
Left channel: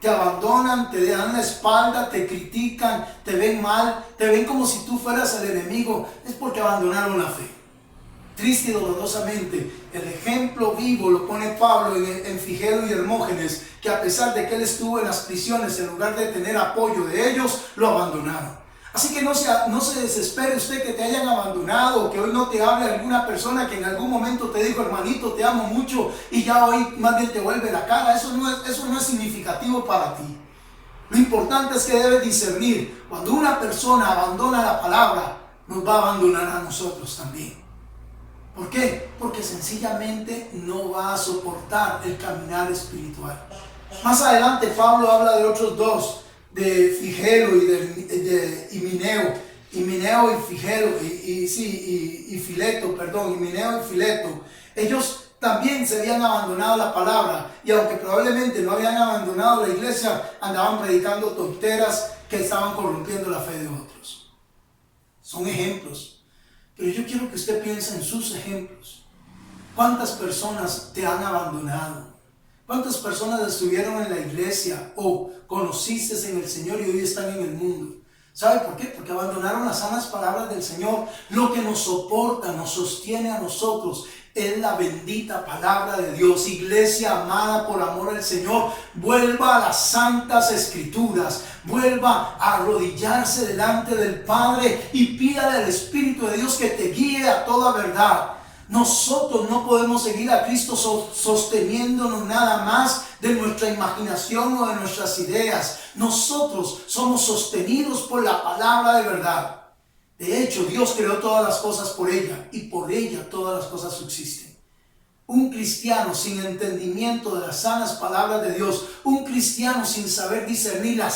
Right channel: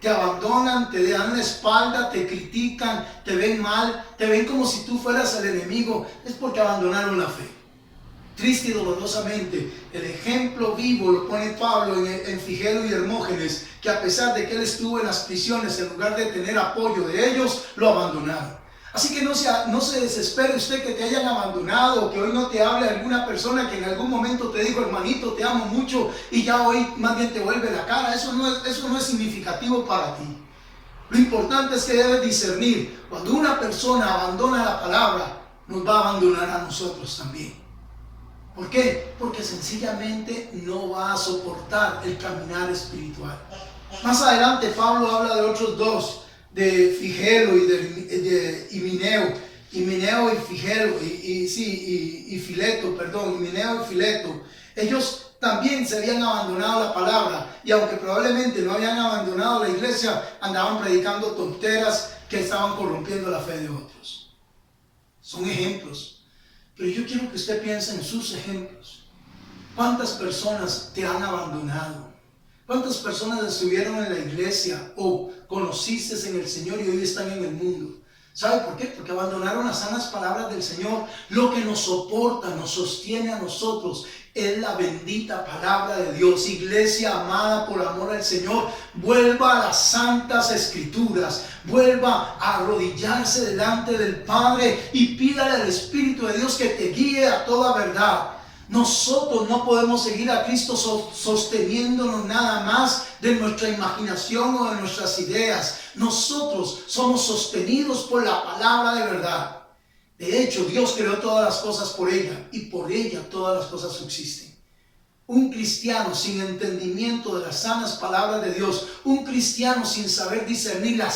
te abandonan, te dan la espalda, te critican, te ven mal, te ven como si tú fueras el enemigo? Es porque abandonaron la fe. Triste y dolorosamente, el ejemplo vivo lo pone Pablo en Figelo y Hermógenes, que a pesar de que él estuvo en las prisiones, en lugar de tener apoyo de ellos, lo abandonaron. Así que no se desespere usted que te hayan abandonado o que hoy no te hable alguna persona que en algún momento te dijo, hermanito, te amo mucho, y ya hoy más bien te vuelve la cara. Eso no es significativo para ti. Lo importante es que debes discernir. Cuando una persona abandona la palabra, nos va a abandonar a nosotros también. ¿Por qué? Porque sencillamente no va a soportar el caminar espiritual. Más adelante Pablo habla de otros dos, de Figelo y Himeneo y Figelo y Fileto, Himeneo y Fileto. Ellos también se habían abandonado la palabra, y aunque probablemente no habían abandonado la iglesia, andaban predicando tonteras que estaban corrompiendo la fe de otros. Son ejemplos, pero yo quiero que usted piense en sus ejemplos. ¿Cuántas personas te han abandonado? ¿Cuántas personas estuvieron en la iglesia o conociste en el Señor y hoy están en el mundo? ¿Sabe por qué? Porque abandonaron las sanas palabras del Señor. Lo que nos soporta, nos sostiene a nosotros es la bendita palabra de Dios. Iglesia amada por amor al Señor, vuelva a las santas escrituras, vuelva a arrodillarse delante del Padre y pídale al Espíritu de Dios que te guíe a toda verdad. Nosotros no podemos seguir a Cristo sosteniéndonos nada más de nuestra imaginación o de nuestras ideas. Nosotros somos sostenidos por la palabra de verdad. De hecho, Dios creó todas las cosas por ella, y por ella todas las cosas subsisten. Un cristiano sin entendimiento de las sanas palabras de Dios, un cristiano sin saber discernir la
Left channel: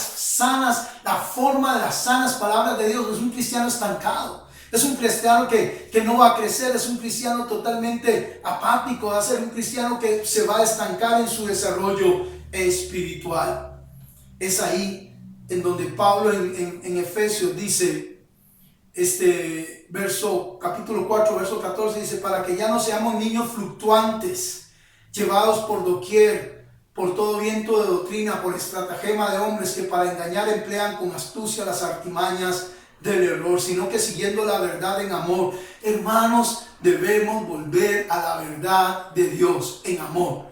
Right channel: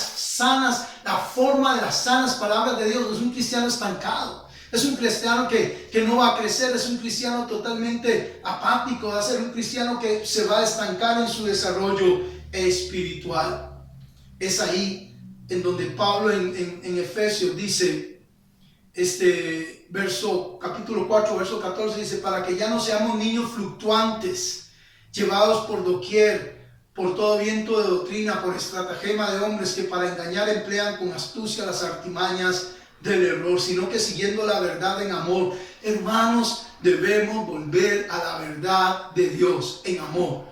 forma de las sanas palabras de Dios, es un cristiano estancado. Es un cristiano que no va a crecer, es un cristiano totalmente apático, va a ser un cristiano que se va a estancar en su desarrollo espiritual. Es ahí en donde Pablo en Efesios dice, capítulo 4, verso 14, dice, para que ya no seamos niños fluctuantes, llevados por doquier, por todo viento de doctrina, por estratagema de hombres que para engañar emplean con astucia las artimañas del error, sino que siguiendo la verdad en amor. Hermanos, debemos volver a la verdad de Dios en amor,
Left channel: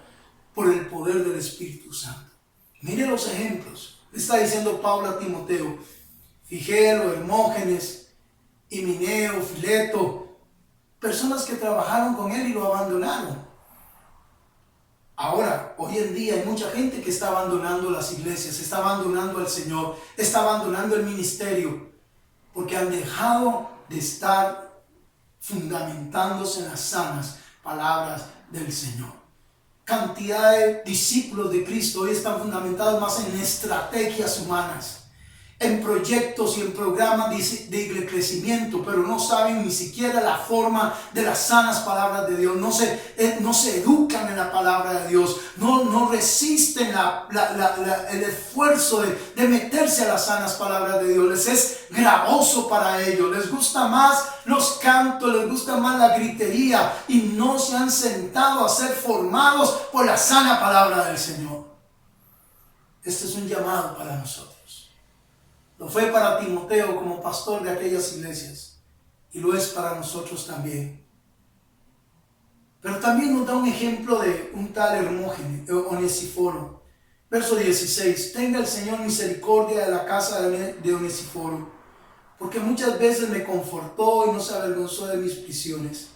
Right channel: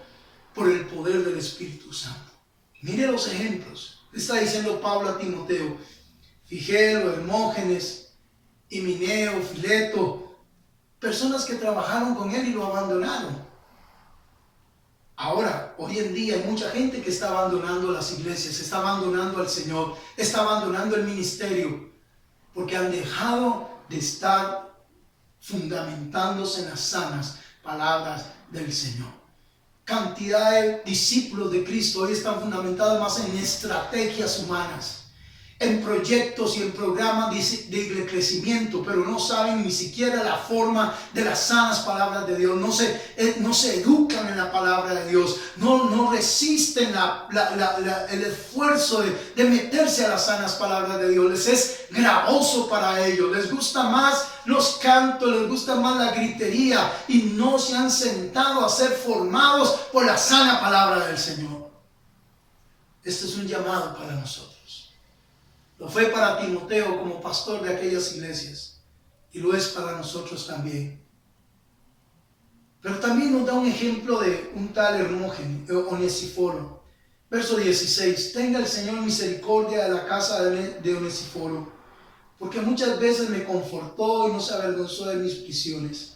por el poder del Espíritu Santo. Mire los ejemplos. Está diciendo Pablo a Timoteo, Figelo, Hermógenes, Himeneo, Fileto, personas que trabajaron con él y lo abandonaron. Ahora, hoy en día hay mucha gente que está abandonando las iglesias, está abandonando al Señor, está abandonando el ministerio, porque han dejado de estar fundamentándose en las sanas palabras del Señor. Cantidad de discípulos de Cristo hoy están fundamentados más en estrategias humanas, en proyectos y en programas de crecimiento, pero no saben ni siquiera la forma de las sanas palabras de Dios, no se educan en la palabra de Dios, no resisten el esfuerzo de meterse a las sanas palabras de Dios. Les es gravoso para ellos, les gusta más los cantos, les gusta más la gritería y no se han sentado a ser formados por la sana palabra del Señor. Este es un llamado para nosotros. Lo fue para Timoteo como pastor de aquellas iglesias y lo es para nosotros también. Pero también nos da un ejemplo de un tal Onesíforo. Verso 16: tenga el Señor misericordia de la casa de Onesíforo, porque muchas veces me confortó y no se avergonzó de mis prisiones,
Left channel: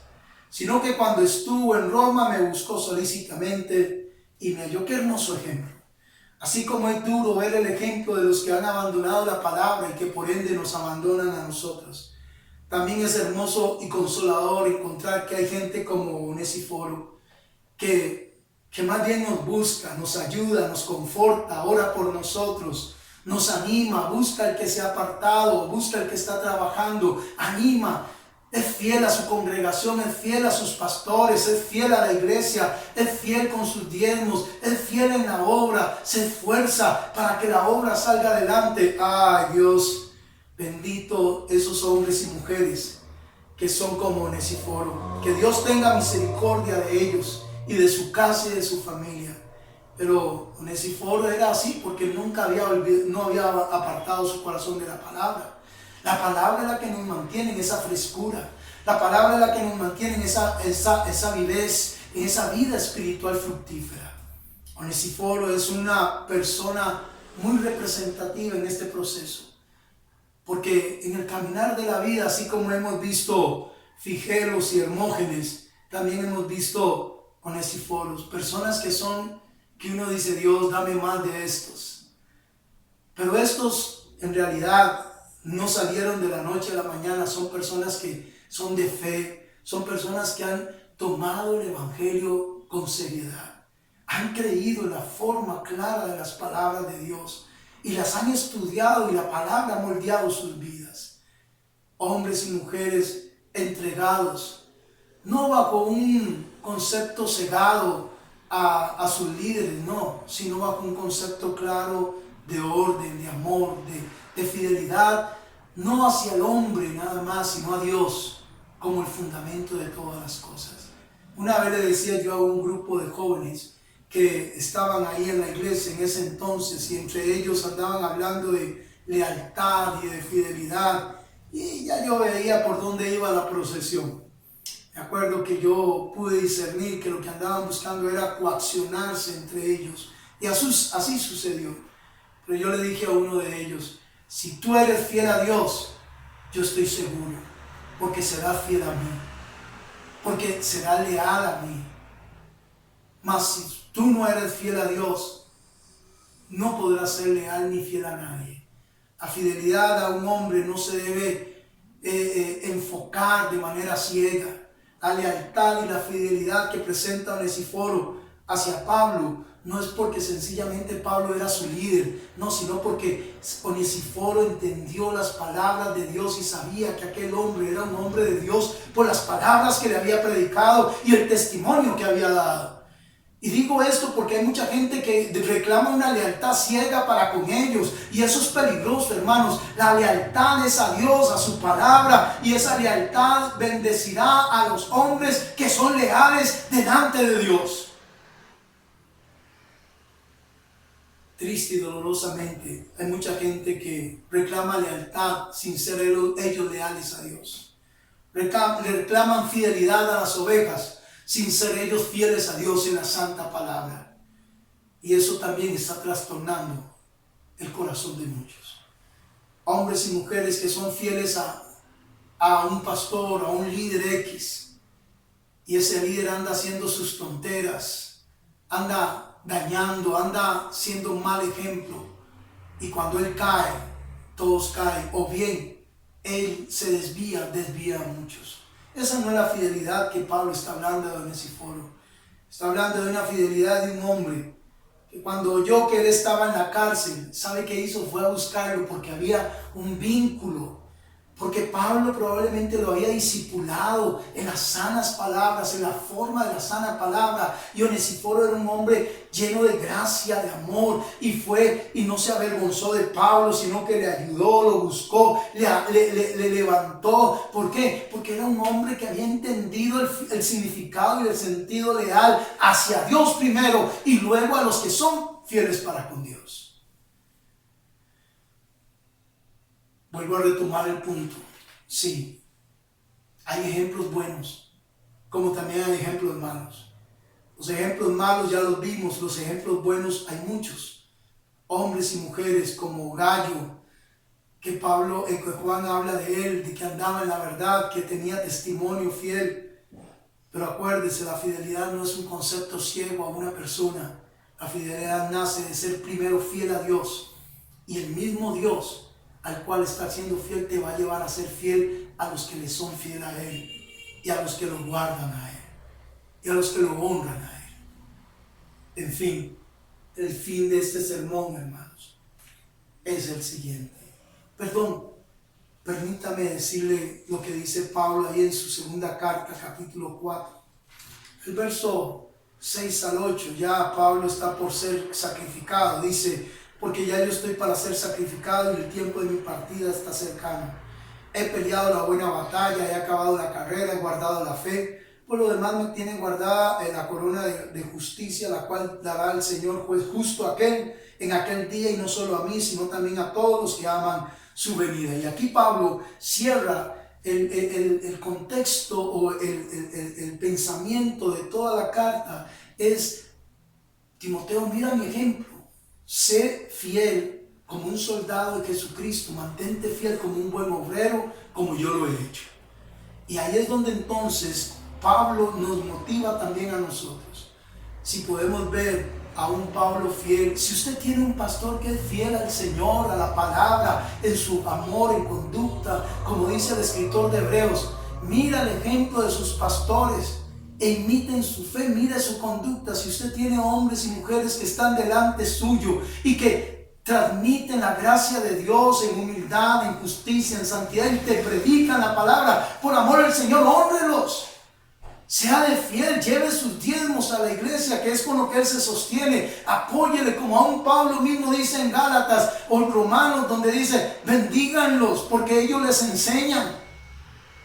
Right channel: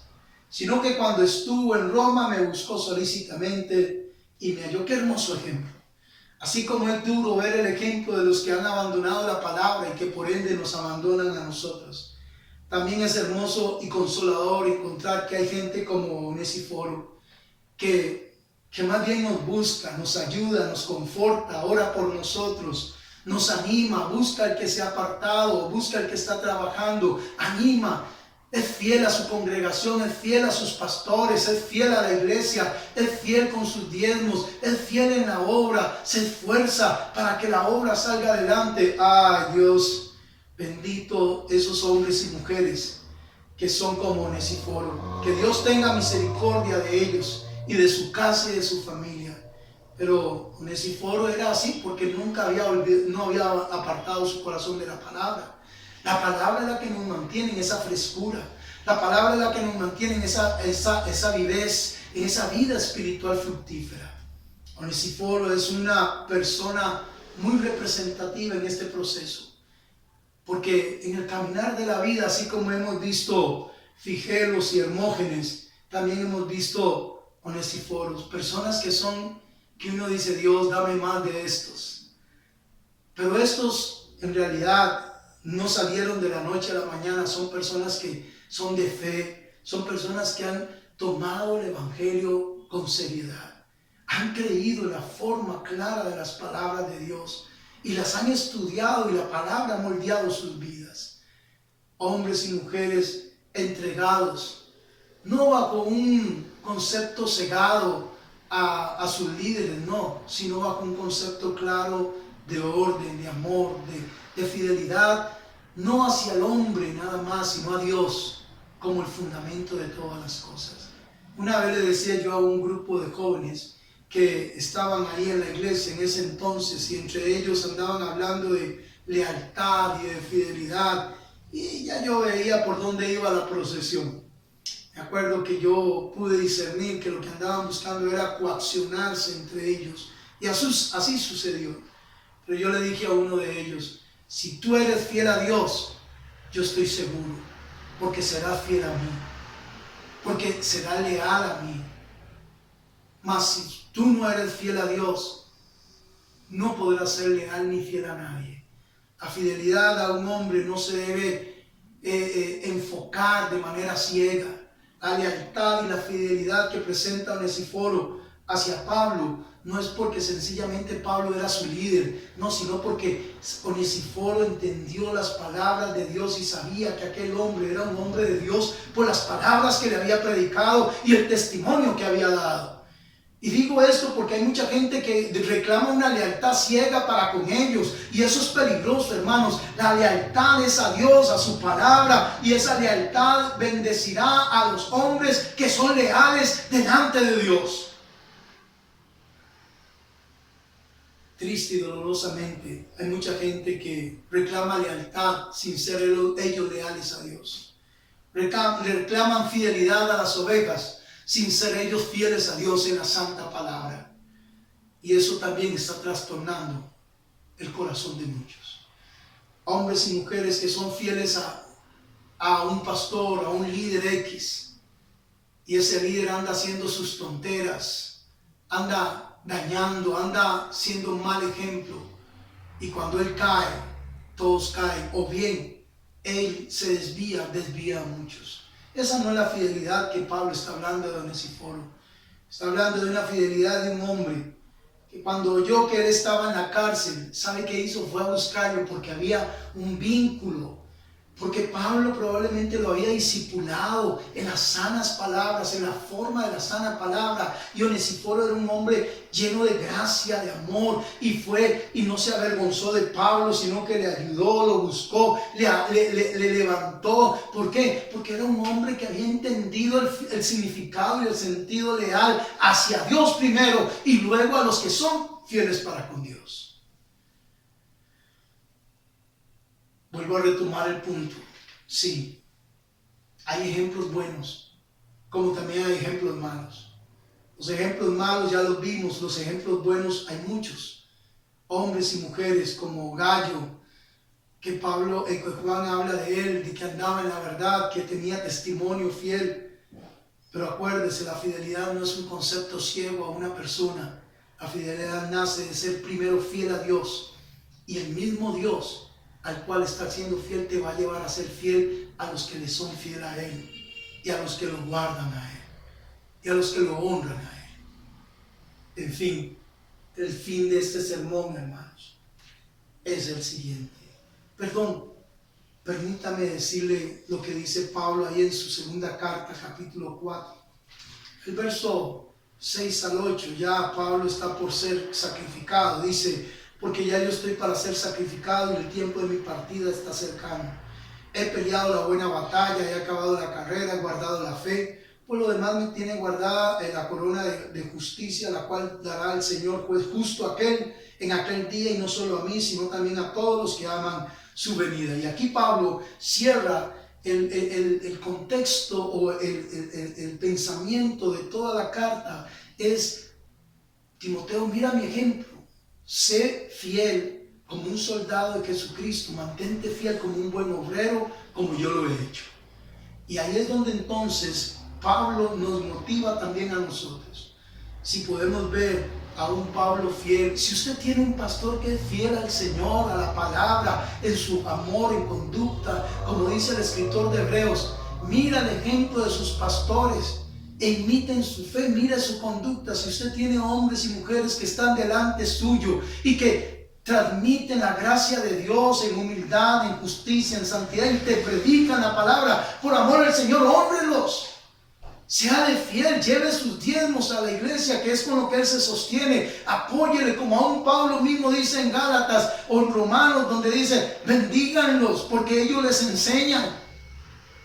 sino que cuando estuvo en Roma me buscó solícitamente y me halló. Qué hermoso ejemplo. Así como es duro ver el ejemplo de los que han abandonado la palabra y que por ende nos abandonan a nosotros, también es hermoso y consolador encontrar que hay gente como Onesíforo que más bien nos busca, nos ayuda, nos conforta, ora por nosotros, nos anima, busca al que se ha apartado, busca al que está trabajando, anima. Es fiel a su congregación, es fiel a sus pastores, es fiel a la iglesia, es fiel con sus diezmos, es fiel en la obra, se esfuerza para que la obra salga adelante. Ay, Dios, bendito esos hombres y mujeres que son como Onesíforo. Que Dios tenga misericordia de ellos y de su casa y de su familia. Pero Onesíforo era así porque no había apartado su corazón de la palabra. La palabra es la que nos mantiene en esa frescura. La palabra es la que nos mantiene en esa vivez, en esa vida espiritual fructífera. Onesíforo es una persona muy representativa en este proceso. Porque en el caminar de la vida, así como hemos visto Figelos y Hermógenes, también hemos visto Onesíforos. Personas que uno dice: Dios, dame más de estos. Pero estos en realidad no salieron de la noche a la mañana, son personas que son de fe, son personas que han tomado el evangelio con seriedad, han creído en la forma clara de las palabras de Dios y las han estudiado y la palabra ha moldeado sus vidas. Hombres y mujeres entregados, no bajo un concepto cegado a sus líderes, no, sino bajo un concepto claro de orden, de amor, de fidelidad, no hacia el hombre nada más, sino a Dios como el fundamento de todas las cosas. Una vez le decía yo a un grupo de jóvenes que estaban ahí en la iglesia en ese entonces y entre ellos andaban hablando de lealtad y de fidelidad y ya yo veía por dónde iba la procesión. Me acuerdo que yo pude discernir que lo que andaban buscando era coaccionarse entre ellos y así sucedió. Pero yo le dije a uno de ellos: si tú eres fiel a Dios, yo estoy seguro, porque será fiel a mí, porque será leal a mí. Mas si tú no eres fiel a Dios, no podrás ser leal ni fiel a nadie. La fidelidad a un hombre no se debe enfocar de manera ciega. La lealtad y la fidelidad que presenta Onesíforo hacia Pablo no es porque sencillamente Pablo era su líder, no, sino porque Onesíforo entendió las palabras de Dios y sabía que aquel hombre era un hombre de Dios por las palabras que le había predicado y el testimonio que había dado. Y digo esto porque hay mucha gente que reclama una lealtad ciega para con ellos y eso es peligroso, hermanos. La lealtad es a Dios, a su palabra, y esa lealtad bendecirá a los hombres que son leales delante de Dios. Triste y dolorosamente hay mucha gente que reclama lealtad sin ser ellos leales a Dios. Reclaman fidelidad a las ovejas sin ser ellos fieles a Dios en la santa palabra. Y eso también está trastornando el corazón de muchos. Hombres y mujeres que son fieles a un pastor, a un líder X, y ese líder anda haciendo sus tonteras, anda dañando, anda siendo un mal ejemplo, y cuando él cae, todos caen, o bien él se desvía a muchos. Esa no es la fidelidad que Pablo está hablando de Onesíforo. Está hablando de una fidelidad de un hombre que cuando oyó que él estaba en la cárcel, ¿sabe qué hizo? Fue a buscarlo porque había un vínculo. Porque Pablo probablemente lo había discipulado en las sanas palabras, en la forma de la sana palabra. Y Onesíforo era un hombre lleno de gracia, de amor. Y fue y no se avergonzó de Pablo, sino que le ayudó, lo buscó, le levantó. ¿Por qué? Porque era un hombre que había entendido el significado y el sentido leal hacia Dios primero y luego a los que son fieles para con Dios. Vuelvo a retomar el punto. Sí, hay ejemplos buenos, como también hay ejemplos malos. Los ejemplos malos ya los vimos, los ejemplos buenos hay muchos. Hombres y mujeres como Gallo, que Juan habla de él, de que andaba en la verdad, que tenía testimonio fiel. Pero acuérdese, la fidelidad no es un concepto ciego a una persona. La fidelidad nace de ser primero fiel a Dios. Y el mismo Dios al cual está siendo fiel te va a llevar a ser fiel a los que le son fiel a Él, y a los que lo guardan a Él, y a los que lo honran a Él. En fin, el fin de este sermón, hermanos, es el siguiente. Permítame decirle lo que dice Pablo ahí en su segunda carta, capítulo 4. El verso 6 al 8, ya Pablo está por ser sacrificado. Dice: porque ya yo estoy para ser sacrificado y el tiempo de mi partida está cercano. He peleado la buena batalla, he acabado la carrera, he guardado la fe. Por lo demás me tiene guardada la corona de justicia, la cual dará el Señor juez justo en aquel día, y no solo a mí, sino también a todos los que aman su venida. Y aquí Pablo cierra el contexto o el pensamiento de toda la carta. Es: Timoteo, mira mi ejemplo. Sé fiel como un soldado de Jesucristo, mantente fiel como un buen obrero, como yo lo he hecho. Y ahí es donde entonces Pablo nos motiva también a nosotros. Si podemos ver a un Pablo fiel, si usted tiene un pastor que es fiel al Señor, a la palabra, en su amor, en conducta, como dice el escritor de Hebreos, mira el ejemplo de sus pastores e imiten su fe, mira su conducta. Si usted tiene hombres y mujeres que están delante suyo y que transmiten la gracia de Dios en humildad, en justicia, en santidad, y te predican la palabra por amor al Señor, hónrelos. Sea de fiel, lleve sus diezmos a la iglesia, que es con lo que él se sostiene. Apóyele, como aún Pablo mismo dice en Gálatas o en Romanos, donde dice: bendíganlos porque ellos les enseñan.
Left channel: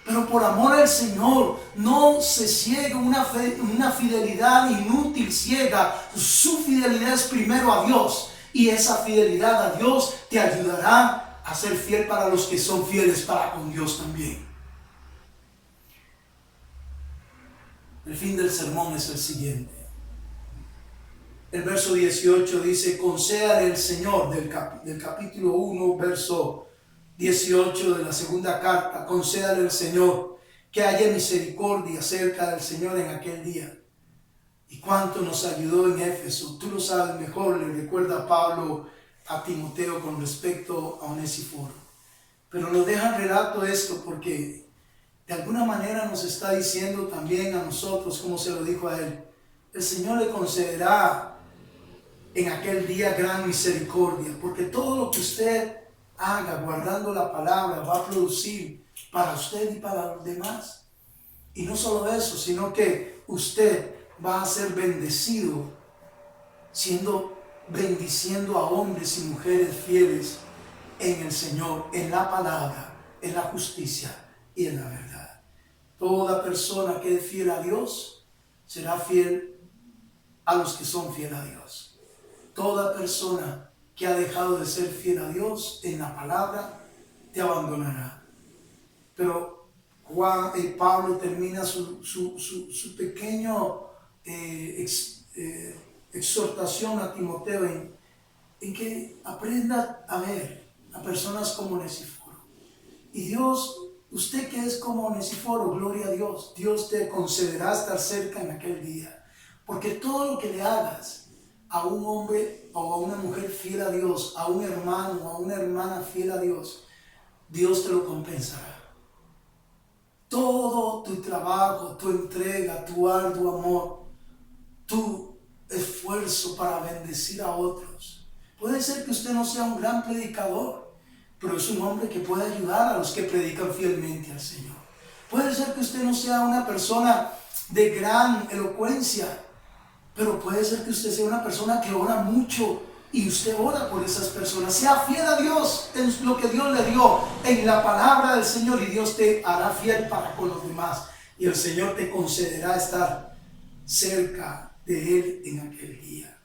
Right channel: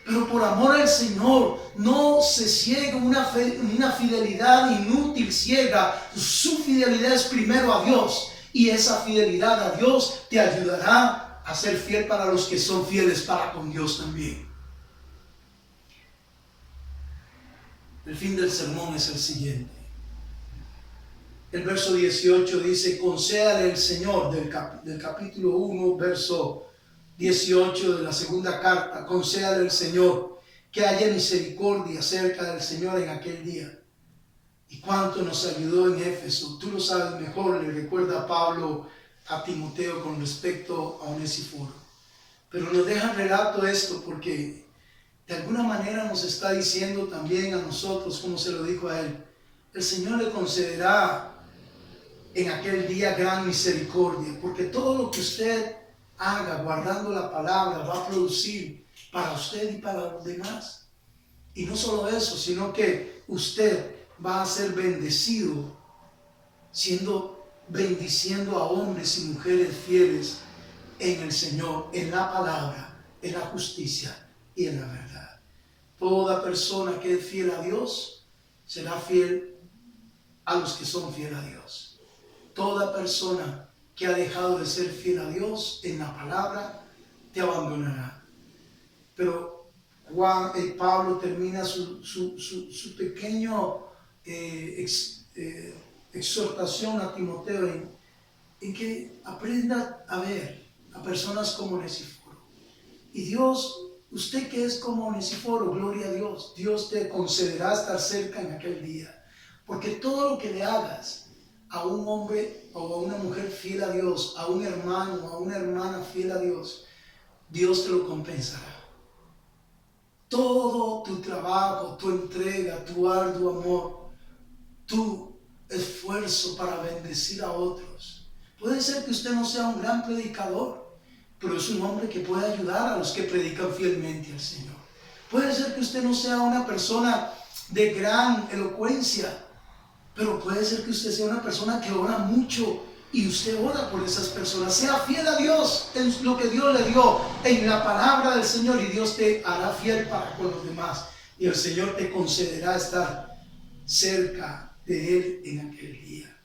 Pero por amor al Señor, no se ciegue una fidelidad inútil, ciega. Su fidelidad es primero a Dios, y esa fidelidad a Dios te ayudará a ser fiel para los que son fieles para con Dios también. El fin del sermón es el siguiente. El verso 18 dice: concédale el Señor, del capítulo 1, verso 18 de la segunda carta, concédale el Señor que haya misericordia cerca del Señor en aquel día. Y cuánto nos ayudó en Éfeso, tú lo sabes mejor, le recuerda Pablo a Timoteo con respecto a Onesíforo. Pero nos deja en relato esto porque de alguna manera nos está diciendo también a nosotros, como se lo dijo a él: el Señor le concederá en aquel día gran misericordia, porque todo lo que usted haga guardando la palabra va a producir para usted y para los demás. Y no solo eso, sino que usted va a ser bendecido bendiciendo a hombres y mujeres fieles en el Señor, en la palabra, en la justicia y en la verdad. Toda persona que es fiel a Dios será fiel a los que son fieles a Dios. Toda persona que ha dejado de ser fiel a Dios en la palabra te abandonará. Pero Pablo termina su pequeño exhortación a Timoteo en que aprenda a ver a personas como Onesíforo. Y Dios, usted que es como Onesíforo, gloria a Dios, Dios te concederá estar cerca en aquel día. Porque todo lo que le hagas a un hombre o a una mujer fiel a Dios, a un hermano o a una hermana fiel a Dios, Dios te lo compensará. Todo tu trabajo, tu entrega, tu arduo amor, tu esfuerzo para bendecir a otros. Puede ser que usted no sea un gran predicador, pero es un hombre que puede ayudar a los que predican fielmente al Señor. Puede ser que usted no sea una persona de gran elocuencia, pero puede ser que usted sea una persona que ora mucho y usted ora por esas personas. Sea fiel a Dios en lo que Dios le dio, en la palabra del Señor, y Dios te hará fiel para con los demás. Y el Señor te concederá estar cerca de Él en aquel día.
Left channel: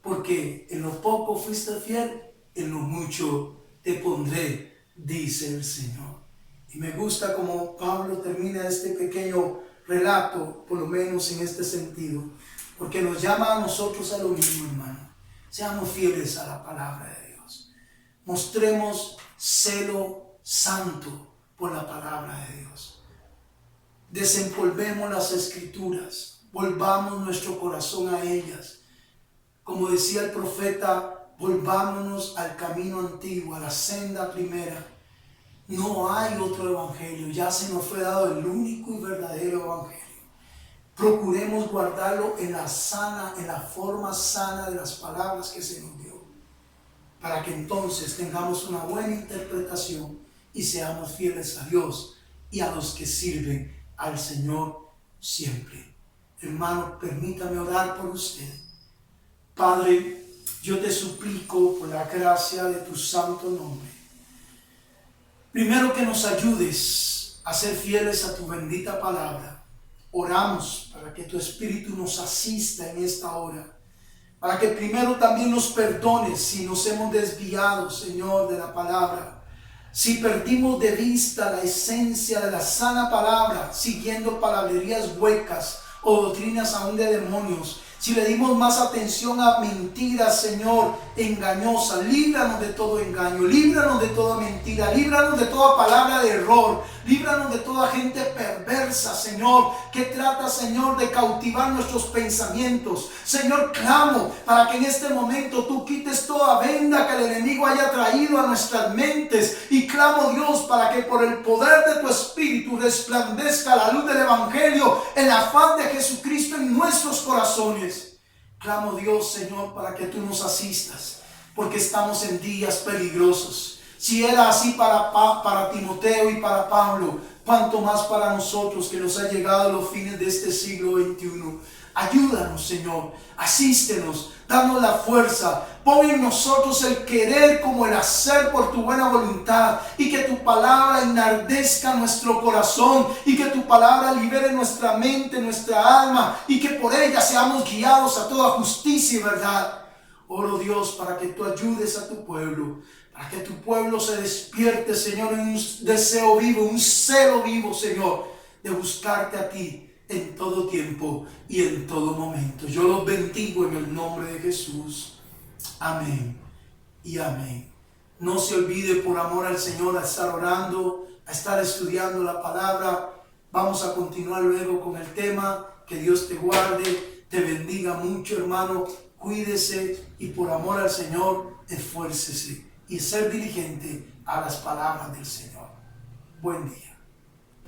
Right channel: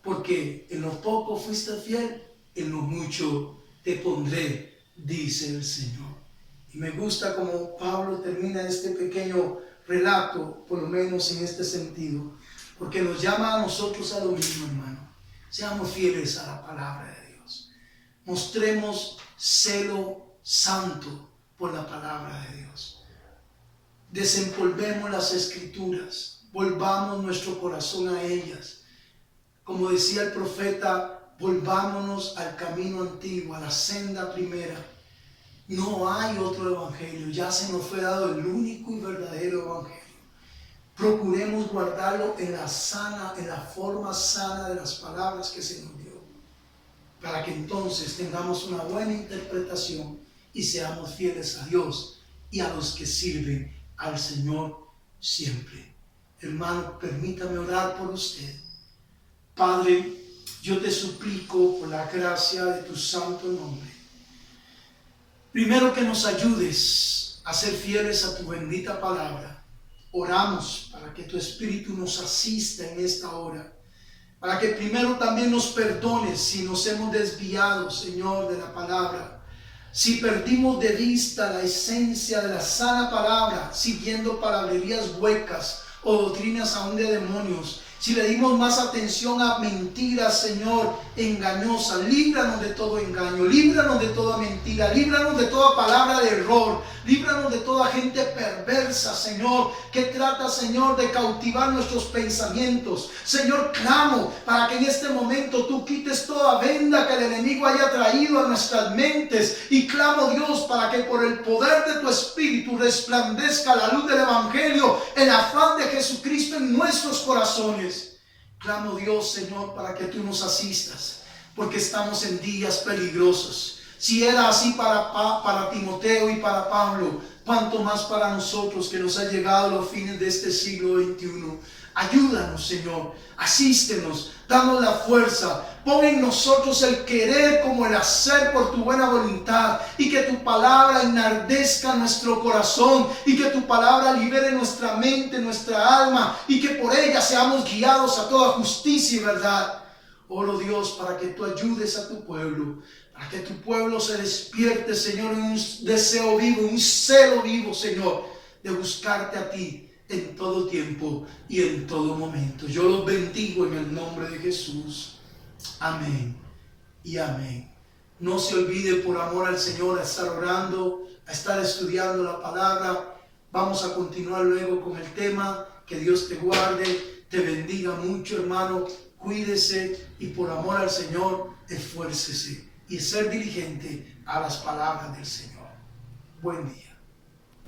Porque en lo poco fuiste fiel, en lo mucho te pondré, dice el Señor. Y me gusta como Pablo termina este pequeño relato, por lo menos en este sentido, porque nos llama a nosotros a lo mismo, hermano. Seamos fieles a la palabra de Dios. Mostremos celo santo por la palabra de Dios. Desempolvemos las escrituras, volvamos nuestro corazón a ellas. Como decía el profeta, volvámonos al camino antiguo, a la senda primera. No hay otro evangelio, ya se nos fue dado el único y verdadero evangelio. Procuremos guardarlo en la forma sana de las palabras que se nos dio, para que entonces tengamos una buena interpretación y seamos fieles a Dios y a los que sirven al Señor siempre. Hermano, permítame orar por usted. Padre, yo te suplico por la gracia de tu santo nombre, primero que nos ayudes a ser fieles a tu bendita palabra. Oramos para que tu Espíritu nos asista en esta hora, para que primero también nos perdones si nos hemos desviado, Señor, de la palabra, si perdimos de vista la esencia de la sana palabra, siguiendo palabrerías huecas o doctrinas aún de demonios, si le dimos más atención a mentiras, Señor, engañosas. Líbranos de todo engaño, líbranos de toda mentira, líbranos de toda palabra de error, líbranos de toda gente perversa, Señor, que trata, Señor, de cautivar nuestros pensamientos. Señor, clamo para que en este momento tú quites toda venda que el enemigo haya traído a nuestras mentes, y clamo, Dios, para que por el poder de tu Espíritu resplandezca la luz del Evangelio, en la faz de Jesucristo en nuestros corazones. Clamo, Dios, Señor, para que tú nos asistas, porque estamos en días peligrosos. Si era así para Timoteo y para Pablo, cuanto más para nosotros que nos ha llegado a los fines de este siglo XXI. Ayúdanos, Señor, asístenos, danos la fuerza, pon en nosotros el querer como el hacer por tu buena voluntad, y que tu palabra enardezca nuestro corazón, y que tu palabra libere nuestra mente, nuestra alma, y que por ella seamos guiados a toda justicia y verdad. Oro, Dios, para que tú ayudes a tu pueblo, para que tu pueblo se despierte, Señor, en un deseo vivo, un celo vivo, Señor, de buscarte a ti en todo tiempo y en todo momento. Yo los bendigo en el nombre de Jesús. Amén y amén. No se olvide, por amor al Señor, a estar orando, a estar estudiando la palabra. Vamos a continuar luego con el tema. Que Dios te guarde, te bendiga mucho, hermano. Cuídese y por amor al Señor, esfuércese y ser diligente a las palabras del Señor. Buen día.